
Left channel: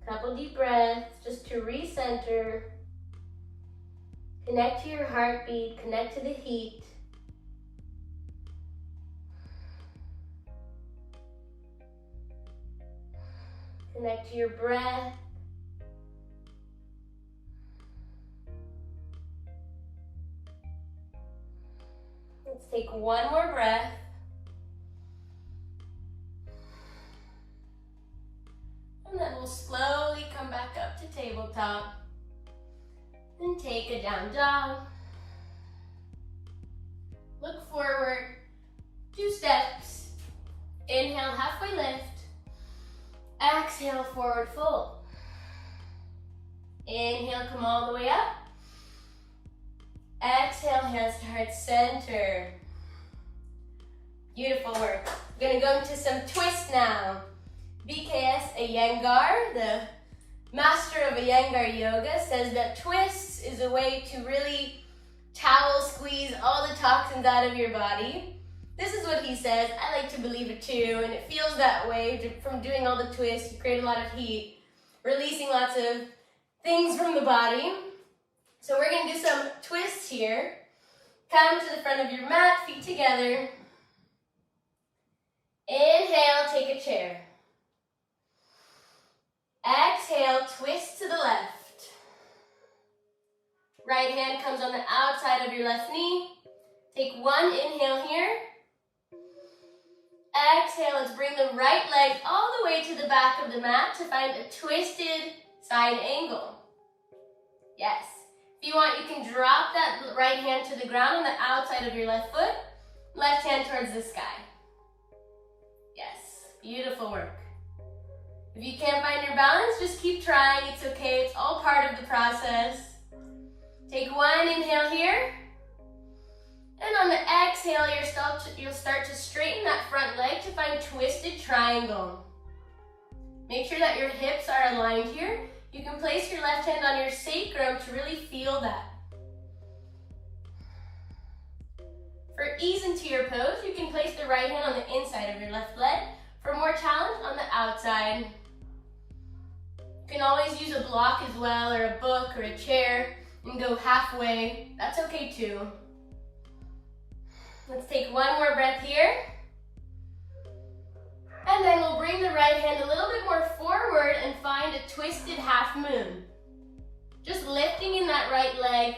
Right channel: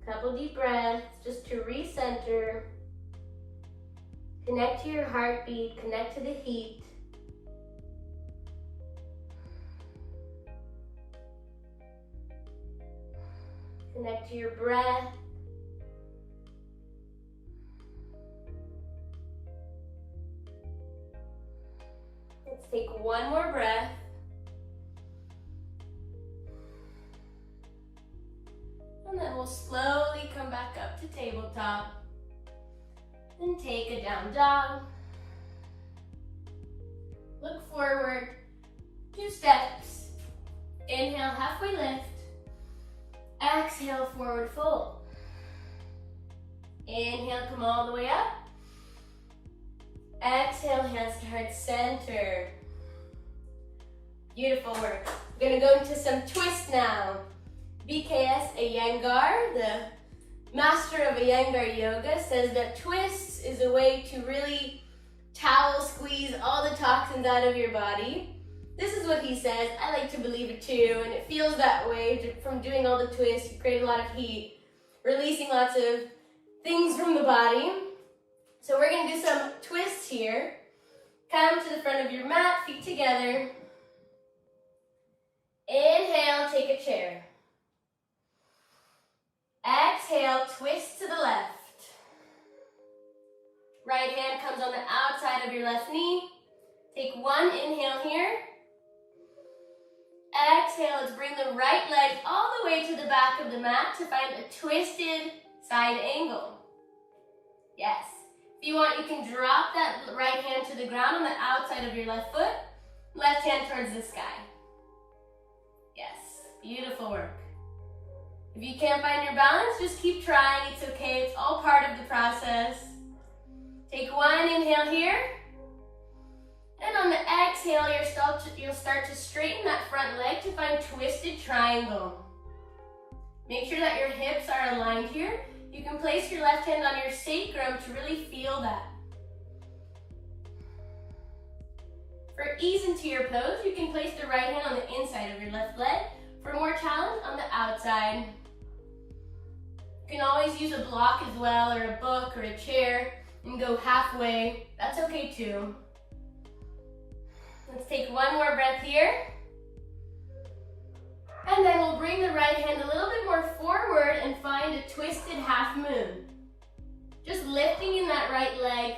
Couple deep breaths just to recenter. Connect to your heartbeat, connect to the heat. Connect to your breath. Let's take one more breath. And then we'll slowly come back up to tabletop. And take a down dog. Look forward. 2 steps. Inhale, halfway lift. Exhale, forward fold. Inhale, come all the way up. Exhale, hands to heart center. Beautiful work. We're gonna go into some twists now. BKS Iyengar, the master of Iyengar yoga, says that twists is a way to really towel squeeze all the toxins out of your body. This is what he says. I like to believe it too, and it feels that way from doing all the twists. You create a lot of heat, releasing lots of things from the body. So we're gonna do some twists here. Come to the front of your mat, feet together. Inhale, take a chair. Exhale, twist to the left. Right hand comes on the outside of your left knee. Take one inhale here. Exhale, let's bring the right leg all the way to the back of the mat to find a twisted side angle. Yes. If you want, you can drop that right hand to the ground on the outside of your left foot. Left hand towards the sky. Yes, beautiful work. If you can't find your balance, just keep trying. It's okay, it's all part of the process. Take one inhale here. And on the exhale, you'll start to straighten that front leg to find twisted triangle. Make sure that your hips are aligned here. You can place your left hand on your sacrum to really feel that. For ease into your pose, you can place the right hand on the inside of your left leg. For more challenge, on the outside. You can always use a block as well, or a book, or a chair, and go halfway. That's okay too. Let's take one more breath here. And then we'll bring the right hand a little bit more forward and find a twisted half moon. Just lifting in that right leg.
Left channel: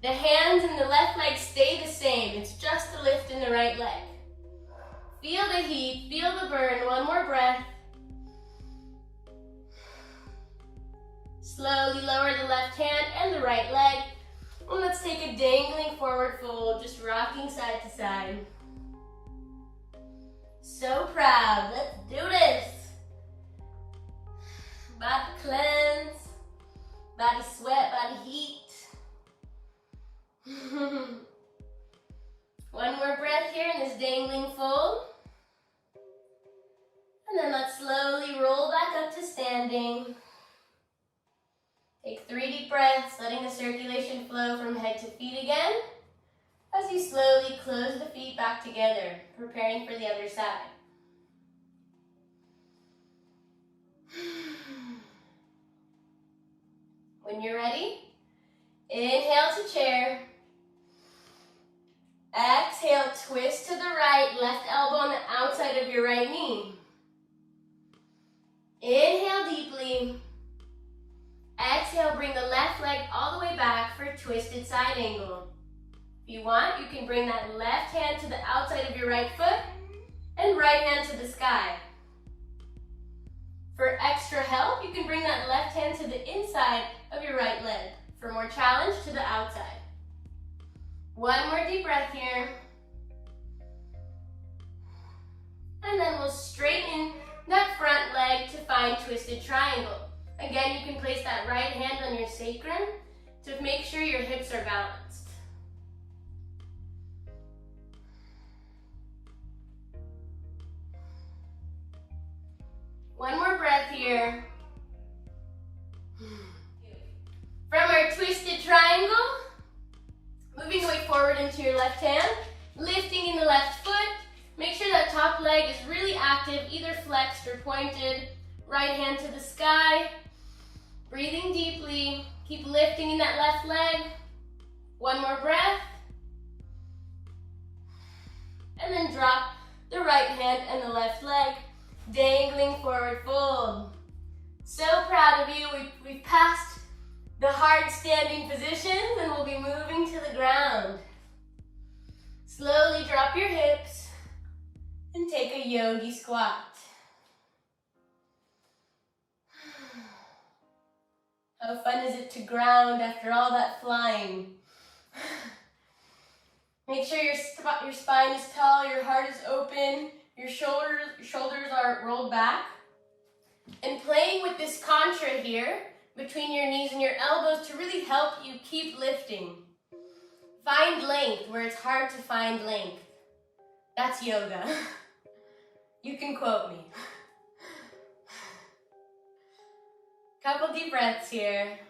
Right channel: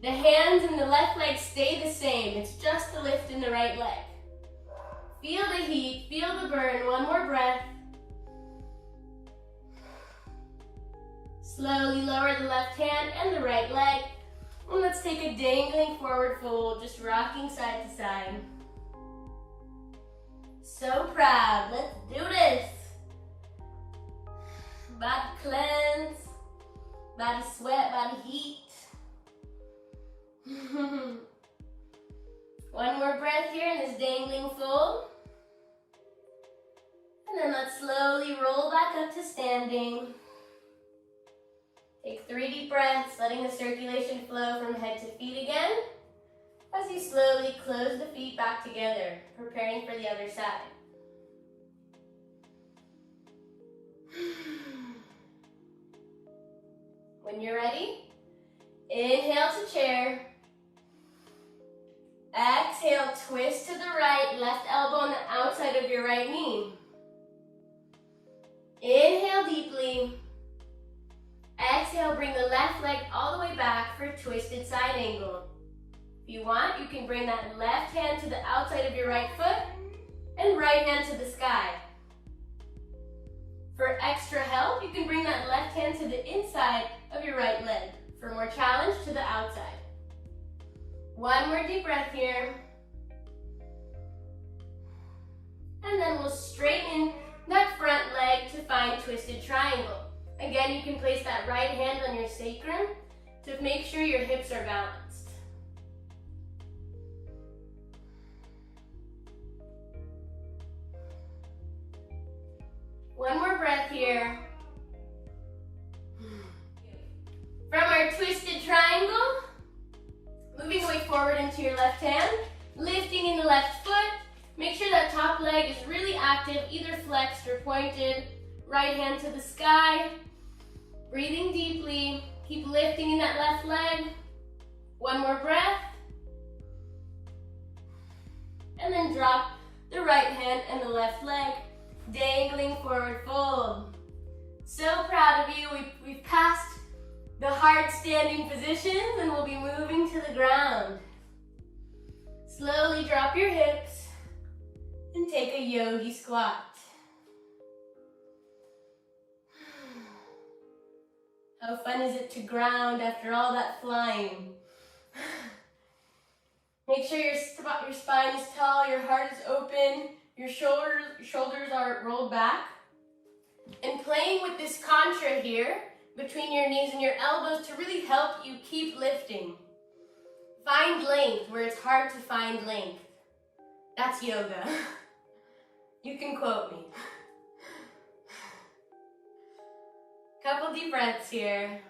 The hands and the left leg stay the same. It's just the lift in the right leg. Feel the heat, feel the burn. One more breath. Slowly lower the left hand and the right leg. And let's take a dangling forward fold, just rocking side to side. So proud. Let's do this. Body cleanse, body sweat, body heat. One more breath here in this dangling fold. And then let's slowly roll back up to standing. Take 3 deep breaths, letting the circulation flow from head to feet again. As you slowly close the feet back together, preparing for the other side. When you're ready, inhale to chair. Exhale, twist to the right, left elbow on the outside of your right knee. Inhale deeply. Exhale, bring the left leg all the way back for a twisted side angle. If you want, you can bring that left hand to the outside of your right foot and right hand to the sky. For extra help, you can bring that left hand to the inside of your right leg. For more challenge, to the outside. One more deep breath here. And then we'll straighten that front leg to find twisted triangle. Again, you can place that right hand on your sacrum to make sure your hips are balanced. One more breath here. From our twisted triangle, moving away forward into your left hand, lifting in the left foot. Make sure that top leg is really active, either flexed or pointed. Right hand to the sky. Breathing deeply. Keep lifting in that left leg. One more breath. And then drop the right hand and the left leg, dangling forward fold. So proud of you. We've passed the hard standing position and we'll be moving to the ground. Slowly drop your hips and take a yogi squat. How fun is it to ground after all that flying? Make sure your spine is tall, your heart is open, your shoulders are rolled back. And playing with this contra here, between your knees and your elbows to really help you keep lifting. Find length where it's hard to find length. That's yoga. You can quote me. Couple deep breaths here.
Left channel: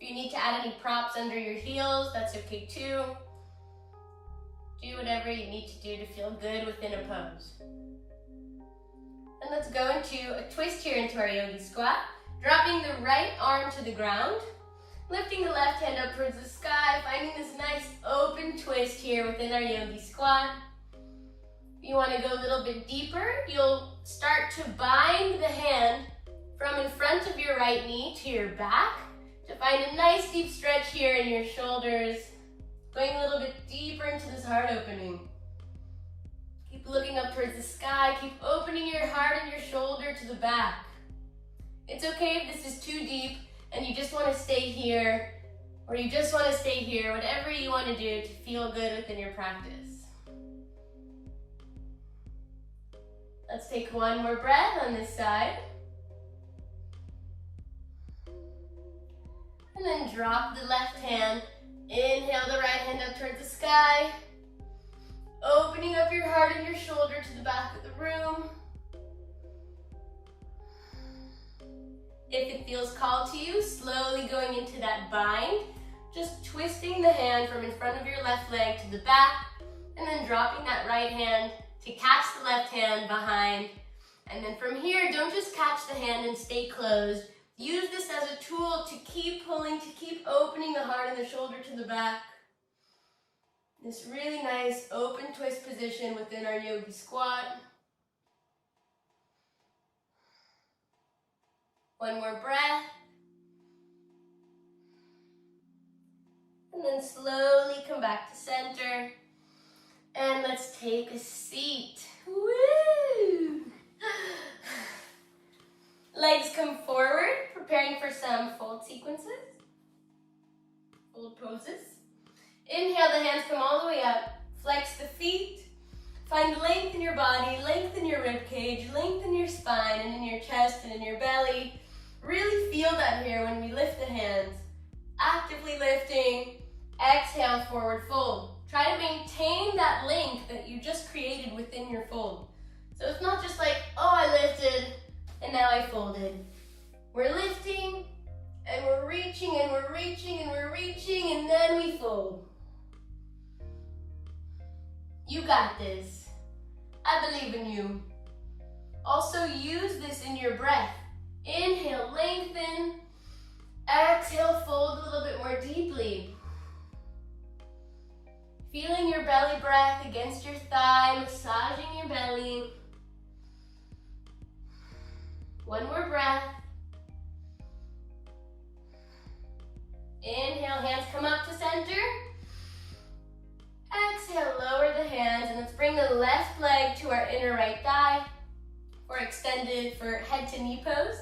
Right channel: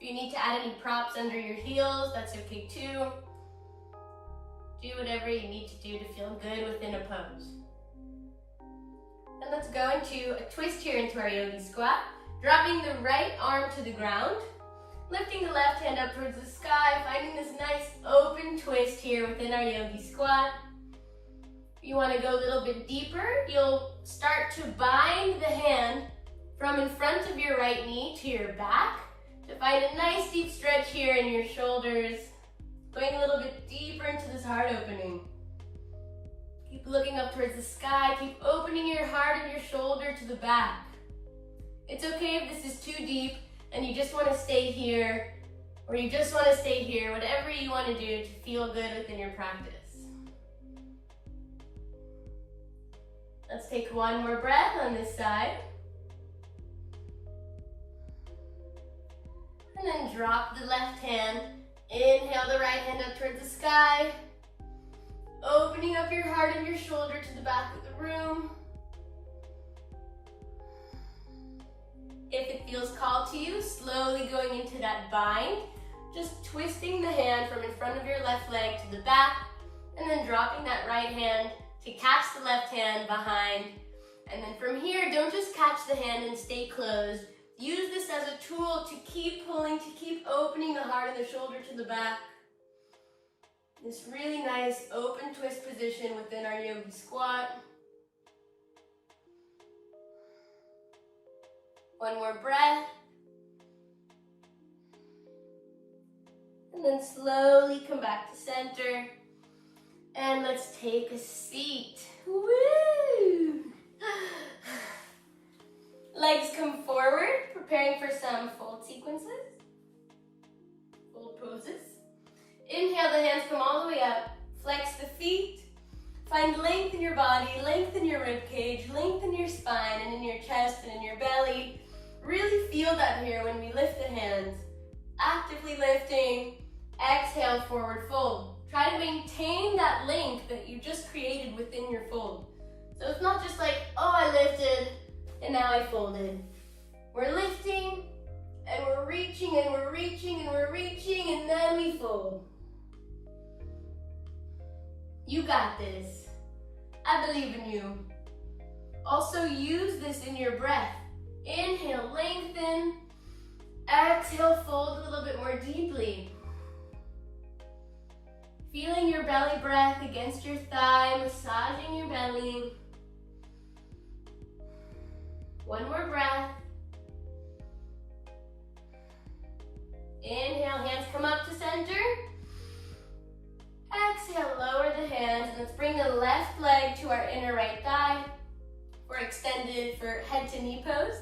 If you need to add any props under your heels, that's okay too. Do whatever you need to do to feel good within a pose. And let's go into a twist here into our yogi squat. Dropping the right arm to the ground. Lifting the left hand up towards the sky. Finding this nice open twist here within our yogi squat. If you want to go a little bit deeper, you'll start to bind the hand from in front of your right knee to your back to find a nice deep stretch here in your shoulders. Going a little bit deeper into this heart opening. Keep looking up towards the sky. Keep opening your heart and your shoulder to the back. It's okay if this is too deep and you just want to stay here, or you just want to stay here, whatever you want to do to feel good within your practice. Let's take one more breath on this side. And then drop the left hand. Inhale the right hand up towards the sky. Opening up your heart and your shoulder to the back of the room. If it feels called to you, slowly going into that bind, just twisting the hand from in front of your left leg to the back, and then dropping that right hand to catch the left hand behind. And then from here, don't just catch the hand and stay closed. Use this as a tool to keep pulling, to keep opening the heart and the shoulder to the back. This really nice open twist position within our yogi squat. One more breath. And then slowly come back to center. And let's take a seat. Woo! Legs come forward, preparing for some fold sequences. Fold poses. Inhale, the hands come all the way up. Flex the feet. Find length in your body, length in your rib cage, length in your spine and in your chest and in your belly. Really feel that here when we lift the hands. Actively lifting. Exhale, forward fold. Try to maintain that length that you just created within your fold. So it's not just like, oh, I lifted and now I folded. We're lifting and we're reaching and we're reaching and we're reaching and then we fold. You got this. I believe in you. Also use this in your breath. Inhale, lengthen. Exhale, fold a little bit more deeply. Feeling your belly breath against your thigh, massaging your belly. One more breath. Inhale, hands come up to center. left leg to our inner right thigh or extended for head to knee pose.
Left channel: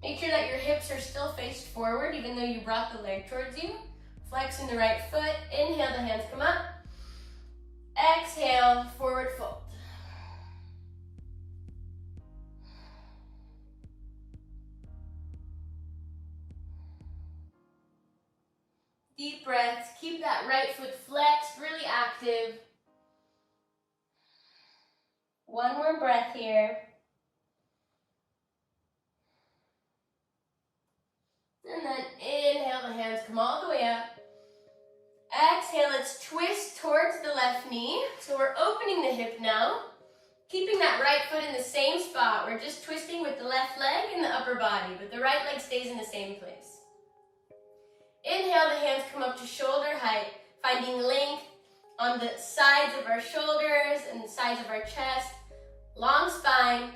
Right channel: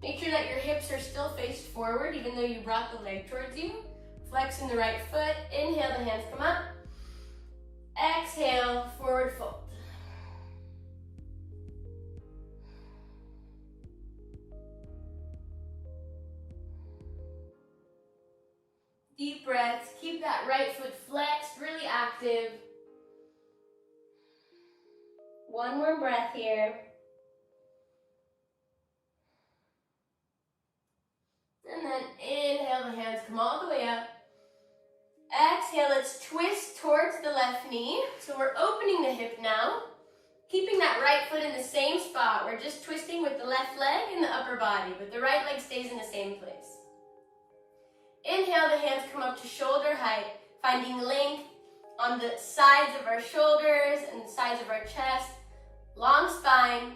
Make sure that your hips are still faced forward even though you brought the leg towards you. Flexing the right foot. Inhale, the hands come up. Exhale, forward fold. Deep breaths. Keep that right foot flexed, really active. One more breath here. And then inhale, the hands come all the way up. Exhale, let's twist towards the left knee. So we're opening the hip now. Keeping that right foot in the same spot. We're just twisting with the left leg and the upper body, but the right leg stays in the same place. Inhale, the hands come up to shoulder height, finding length on the sides of our shoulders and the sides of our chest. Long spine.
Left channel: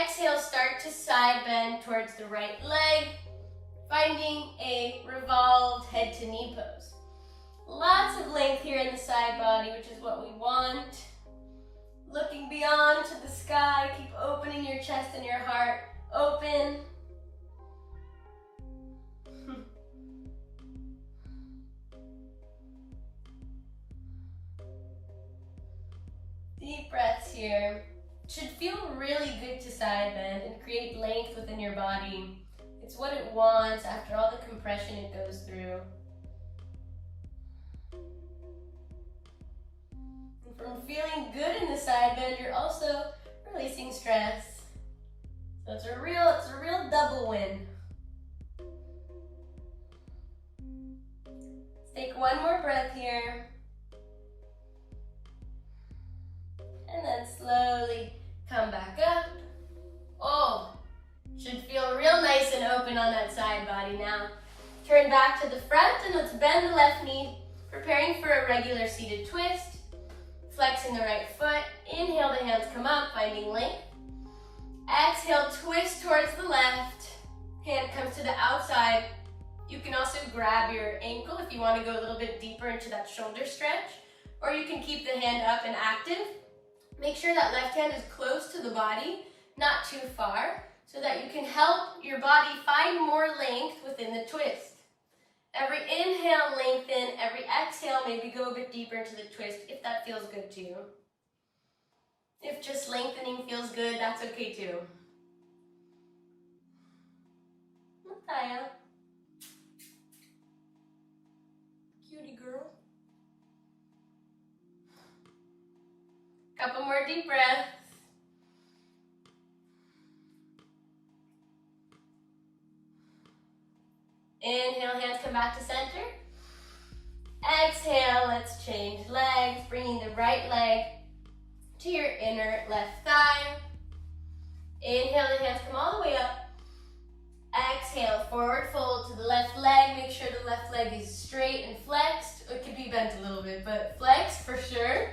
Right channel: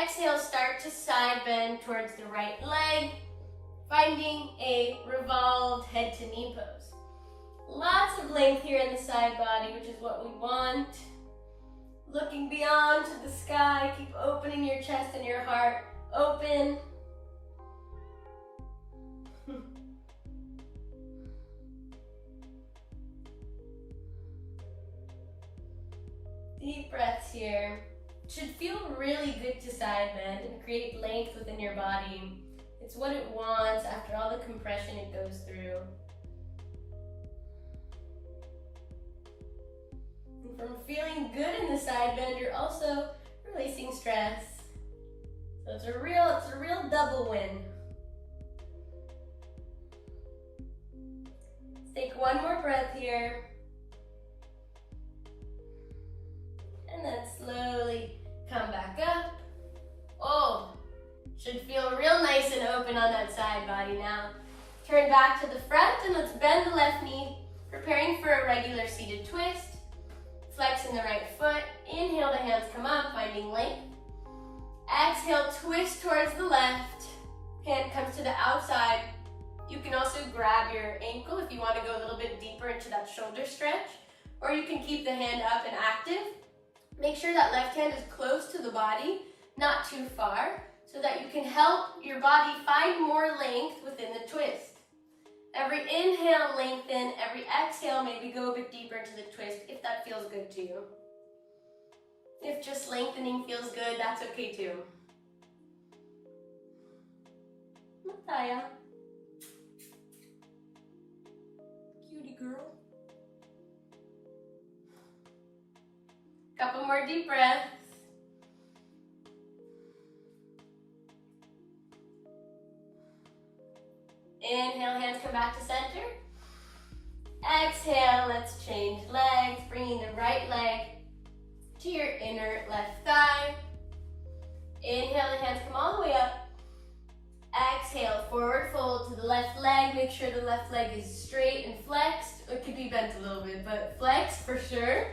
Exhale, start to side bend towards the right leg, finding a revolved head to knee pose. Lots of length here in the side body, which is what we want. Looking beyond to the sky, keep opening your chest and your heart. Open. Deep breaths here. Should feel really good to side bend and create length within your body. It's what it wants after all the compression it goes through. And from feeling good in the side bend, you're also releasing stress. So it's a real double win. Let's take one more breath here. And then slowly come back up. Oh, should feel real nice and open on that side body now. Turn back to the front and let's bend the left knee, preparing for a regular seated twist. Flexing the right foot. Inhale, the hands come up, finding length. Exhale, twist towards the left. Hand comes to the outside. You can also grab your ankle if you want to go a little bit deeper into that shoulder stretch, or you can keep the hand up and active. Make sure that left hand is close to the body, not too far, so that you can help your body find more length within the twist. Every inhale, lengthen. Every exhale, maybe go a bit deeper into the twist if that feels good to you. If just lengthening feels good, that's okay too. Mataya. Cutie girl. Couple more deep breaths. Inhale, hands come back to center. Exhale, let's change legs, bringing the right leg to your inner left thigh. Inhale, the hands come all the way up. Exhale, forward fold to the left leg. Make sure the left leg is straight and flexed. It could be bent a little bit, but flexed for sure.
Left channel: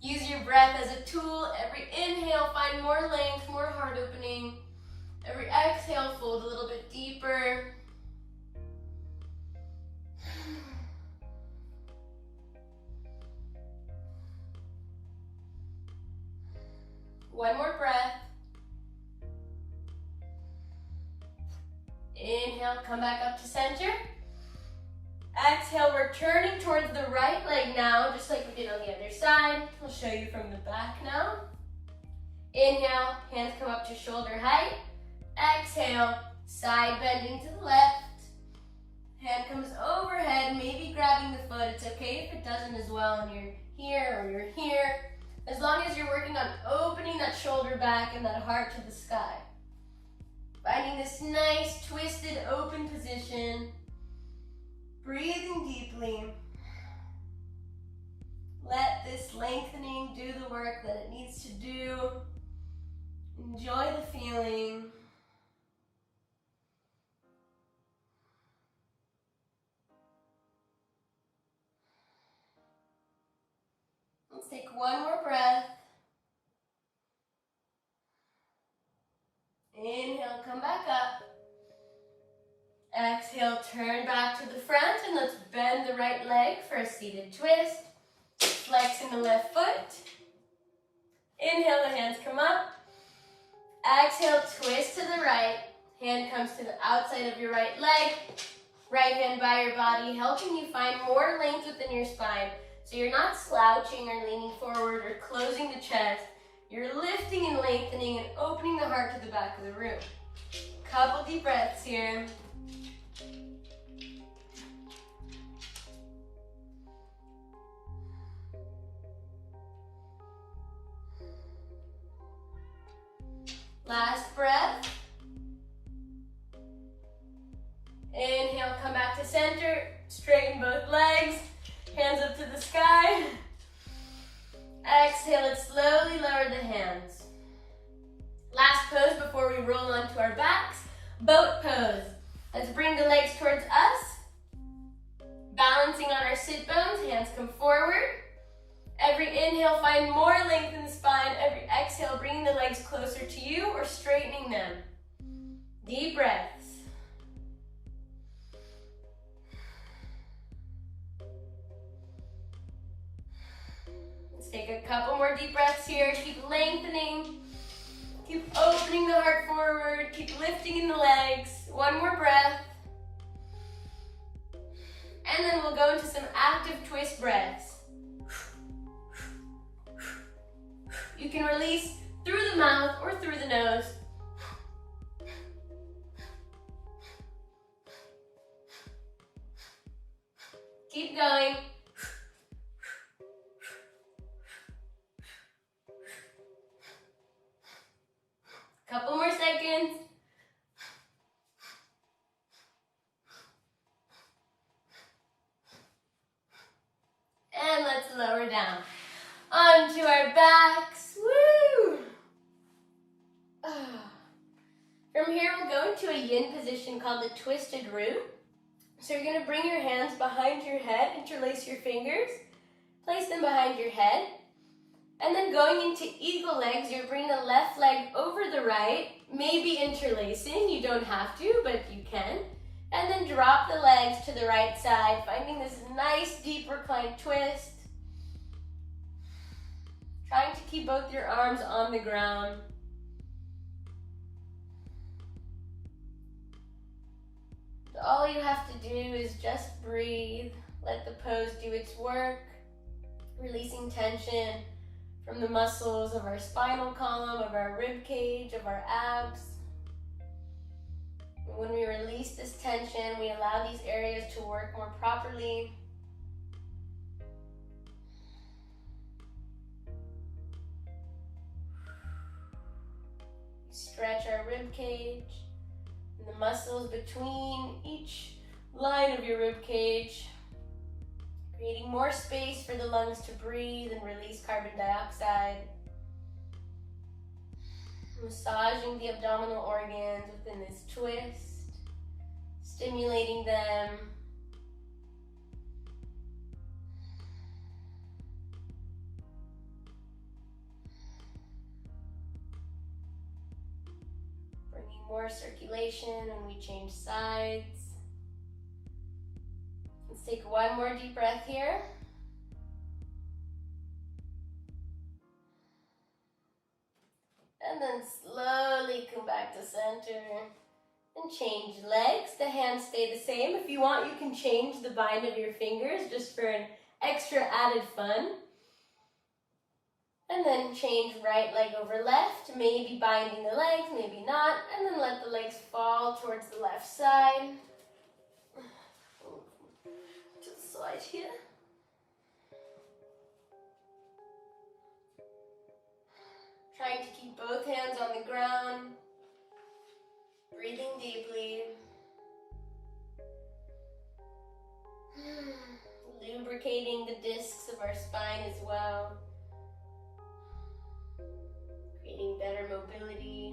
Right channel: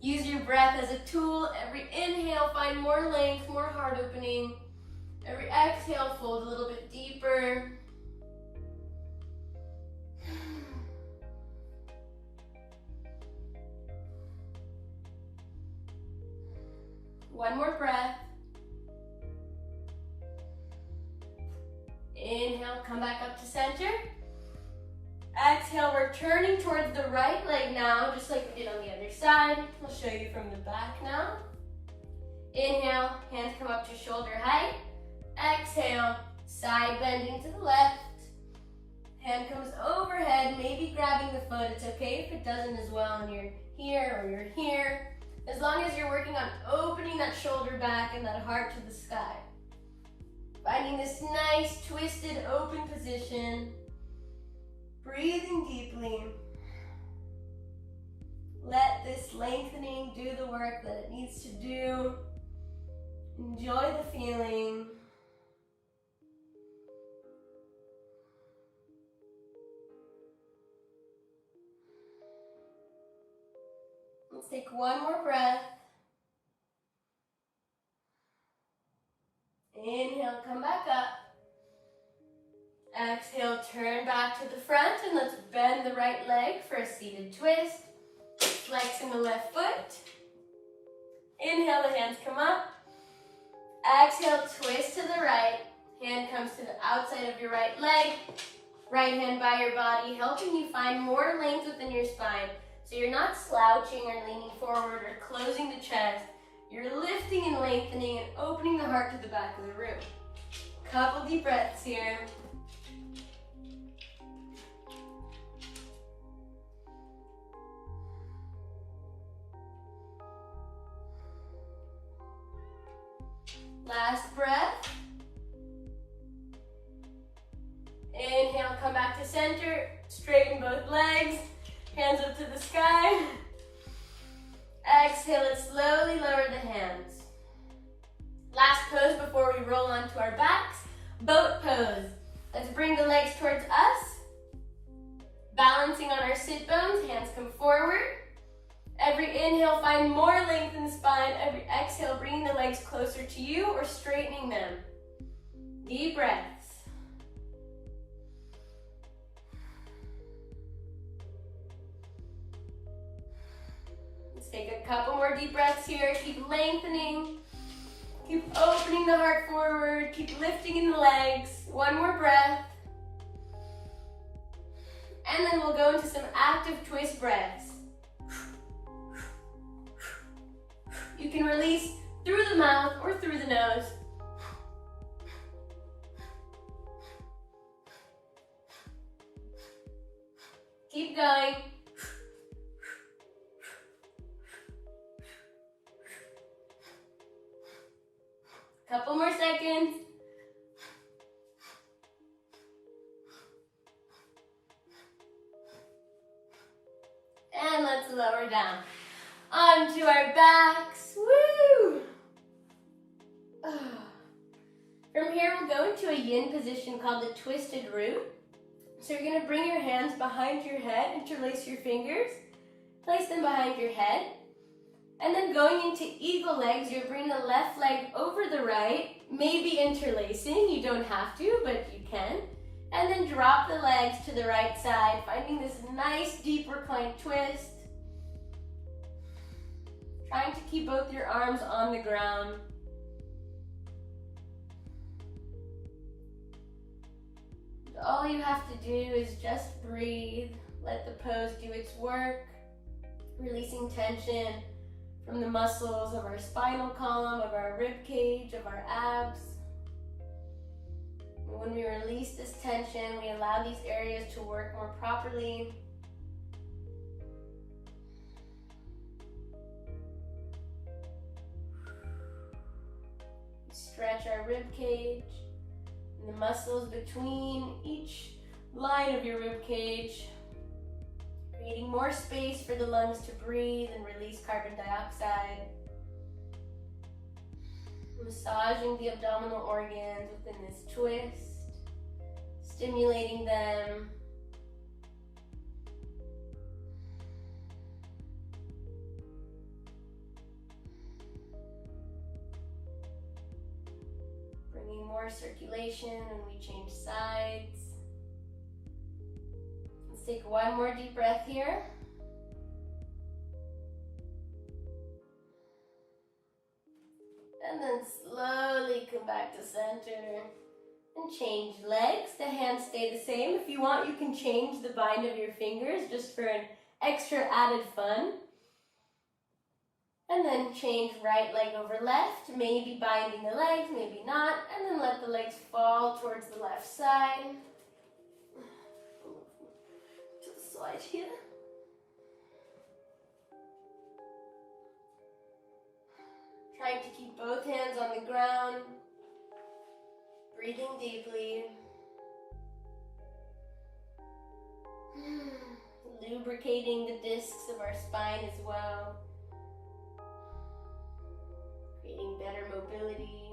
Use your breath as a tool. Every inhale, find more length, more heart opening. Every exhale, fold a little bit deeper. One more breath. Inhale, come back up to center. Exhale, we're turning towards the right leg now, just like we did on the other side. I'll show you from the back now. Inhale, hands come up to shoulder height. Exhale, side bending to the left. Hand comes overhead, maybe grabbing the foot. It's okay if it doesn't as well and you're here or you're here. As long as you're working on opening that shoulder back and that heart to the sky. Finding this nice, twisted, open position. Breathing deeply. Let this lengthening do the work that it needs to do. Enjoy the feeling. Let's take one more breath. Inhale, come back up. Exhale, turn back to the front and let's bend the right leg for a seated twist. Flexing the left foot. Inhale, the hands come up. Exhale, twist to the right. Hand comes to the outside of your right leg. Right hand by your body, helping you find more length within your spine. So you're not slouching or leaning forward or closing the chest. You're lifting and lengthening and opening the heart to the back of the room. Couple deep breaths here. Last breath. Inhale, come back to center. Straighten both legs. Hands up to the sky. Exhale it, slowly lower the hands. Last pose before we roll onto our backs. Boat pose. Let's bring the legs towards us. Balancing on our sit bones, hands come forward. Every inhale, find more length in the spine. Every exhale, bringing the legs closer to you or straightening them. Deep breaths. Let's take a couple more deep breaths here. Keep lengthening. Keep opening the heart forward. Keep lifting in the legs. One more breath. And then we'll go into some active twist breaths. You can release through the mouth or through the nose. Keep going. Couple more seconds. And let's lower down onto our backs. Woo! From here, we'll go into a yin position called the twisted root. So you're going to bring your hands behind your head, interlace your fingers, place them behind your head. And then going into eagle legs, you're bringing the left leg over the right, maybe interlacing. You don't have to, but you can. And then drop the legs to the right side, finding this nice deep reclined twist. Trying to keep both your arms on the ground. All you have to do is just breathe. Let the pose do its work. Releasing tension from the muscles of our spinal column, of our rib cage, of our abs. And when we release this tension, we allow these areas to work more properly. Stretch our rib cage and the muscles between each line of your rib cage, creating more space for the lungs to breathe and release carbon dioxide. Massaging the abdominal organs within this twist, stimulating them. Bringing more circulation when we change sides. Let's take one more deep breath here. And then slowly come back to center and change legs. The hands stay the same. If you want, you can change the bind of your fingers just for an extra added fun. And then change right leg over left, maybe binding the legs, maybe not. And then let the legs fall towards the left side. To the side here. Trying to keep both hands on the ground. Breathing deeply. Lubricating the discs of our spine as well. Creating better mobility.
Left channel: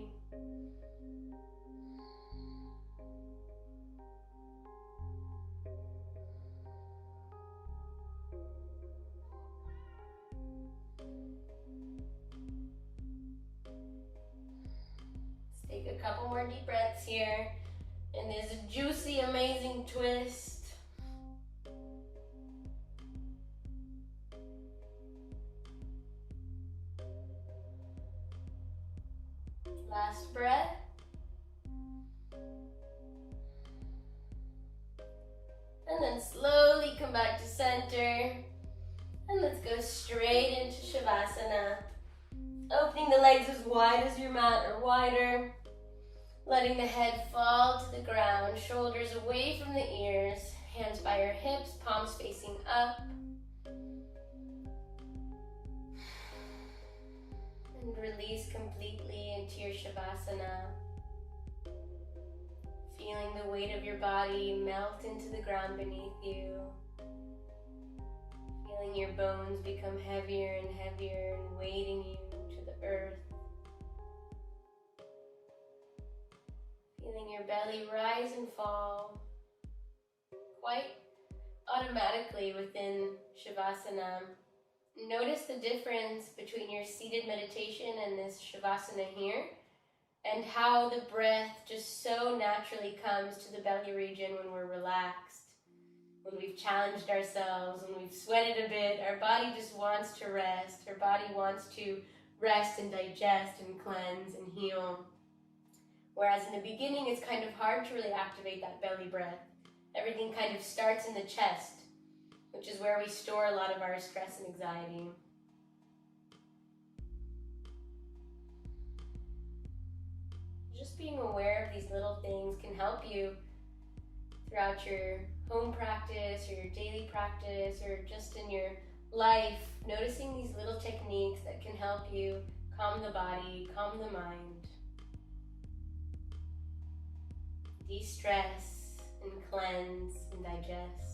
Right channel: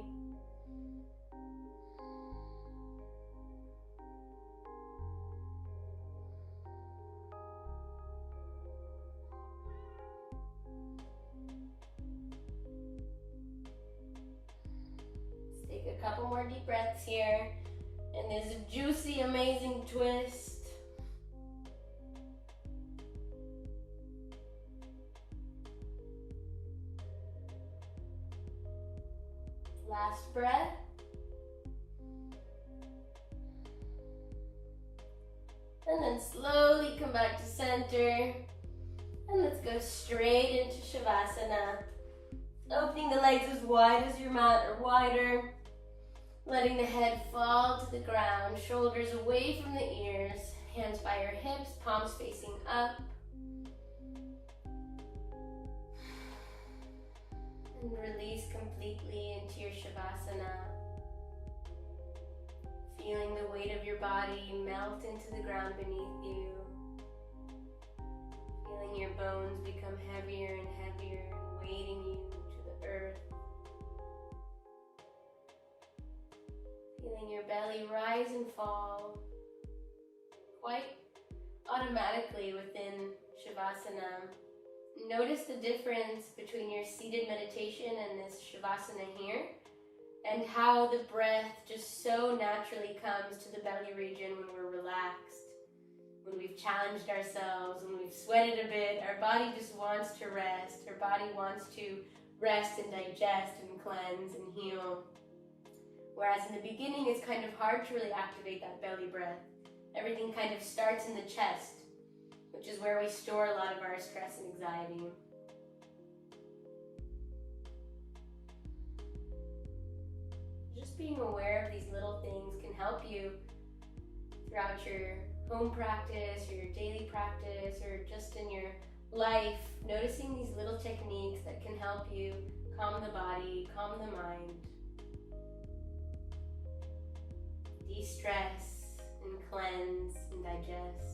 Let's take a couple more deep breaths here. And this juicy, amazing twist. Last breath. And then slowly come back to center. And let's go straight into Shavasana. Opening the legs as wide as your mat or wider. Letting the head fall to the ground. Shoulders away from the ears. Hands by your hips, palms facing up. And release completely into your Shavasana. Feeling the weight of your body melt into the ground beneath you. Feeling your bones become heavier and heavier and weighting you to the earth. Feeling your belly rise and fall quite automatically within Shavasana. Notice the difference between your seated meditation and this Shavasana here, and how the breath just so naturally comes to the belly region when we're relaxed, when we've challenged ourselves, when we've sweated a bit. Our body just wants to rest. Our body wants to rest and digest and cleanse and heal. Whereas in the beginning, it's kind of hard to really activate that belly breath. Everything kind of starts in the chest, which is where we store a lot of our stress and anxiety. Just being aware of these little things can help you throughout your home practice or your daily practice or just in your life, noticing these little techniques that can help you calm the body, calm the mind, de-stress and cleanse and digest.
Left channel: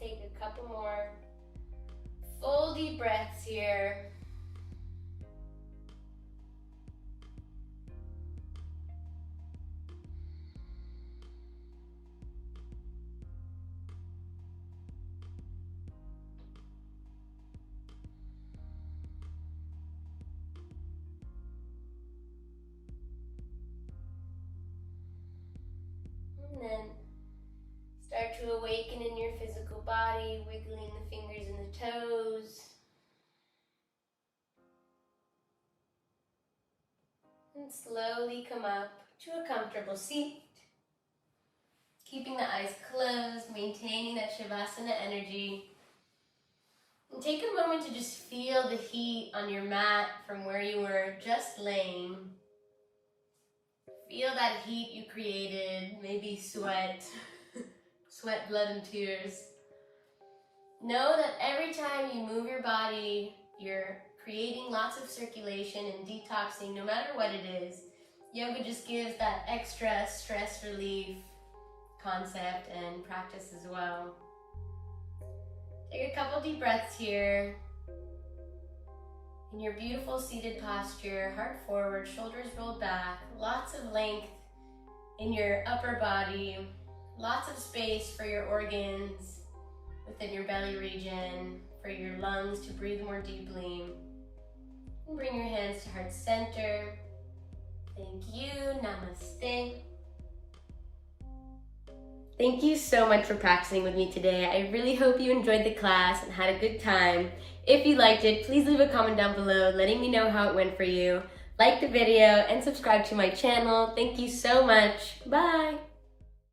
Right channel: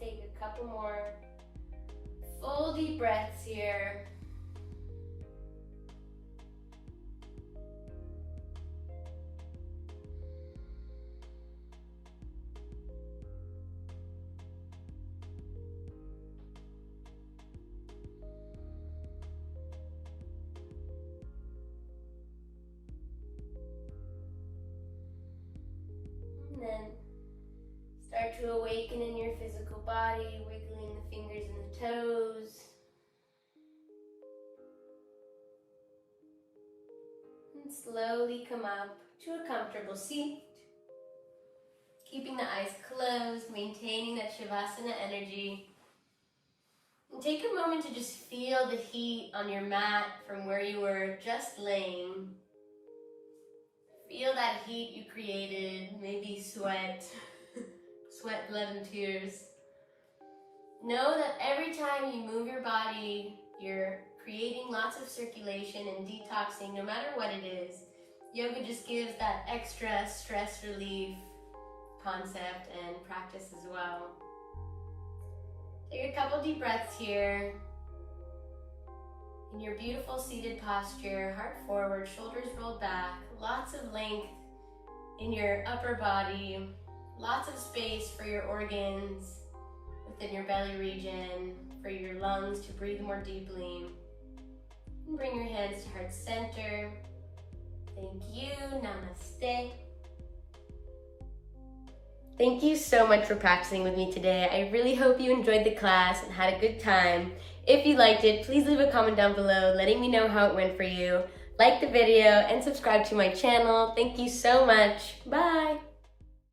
Take a couple more full deep breaths here. And then start to awaken in your physical body, wiggling the fingers and the toes. And slowly come up to a comfortable seat. Keeping the eyes closed, maintaining that Shavasana energy. And take a moment to just feel the heat on your mat from where you were just laying. Feel that heat you created, maybe sweat. Sweat, blood, and tears. Know that every time you move your body, you're creating lots of circulation and detoxing, no matter what it is. Yoga just gives that extra stress relief concept and practice as well. Take a couple deep breaths here. In your beautiful seated posture, heart forward, shoulders rolled back, lots of length in your upper body. Lots of space for your organs within your belly region, for your lungs to breathe more deeply. And bring your hands to heart center. Thank you. Namaste. Thank you so much for practicing with me today. I really hope you enjoyed the class and had a good time. If you liked it, please leave a comment down below letting me know how it went for you. Like the video and subscribe to my channel. Thank you so much. Bye.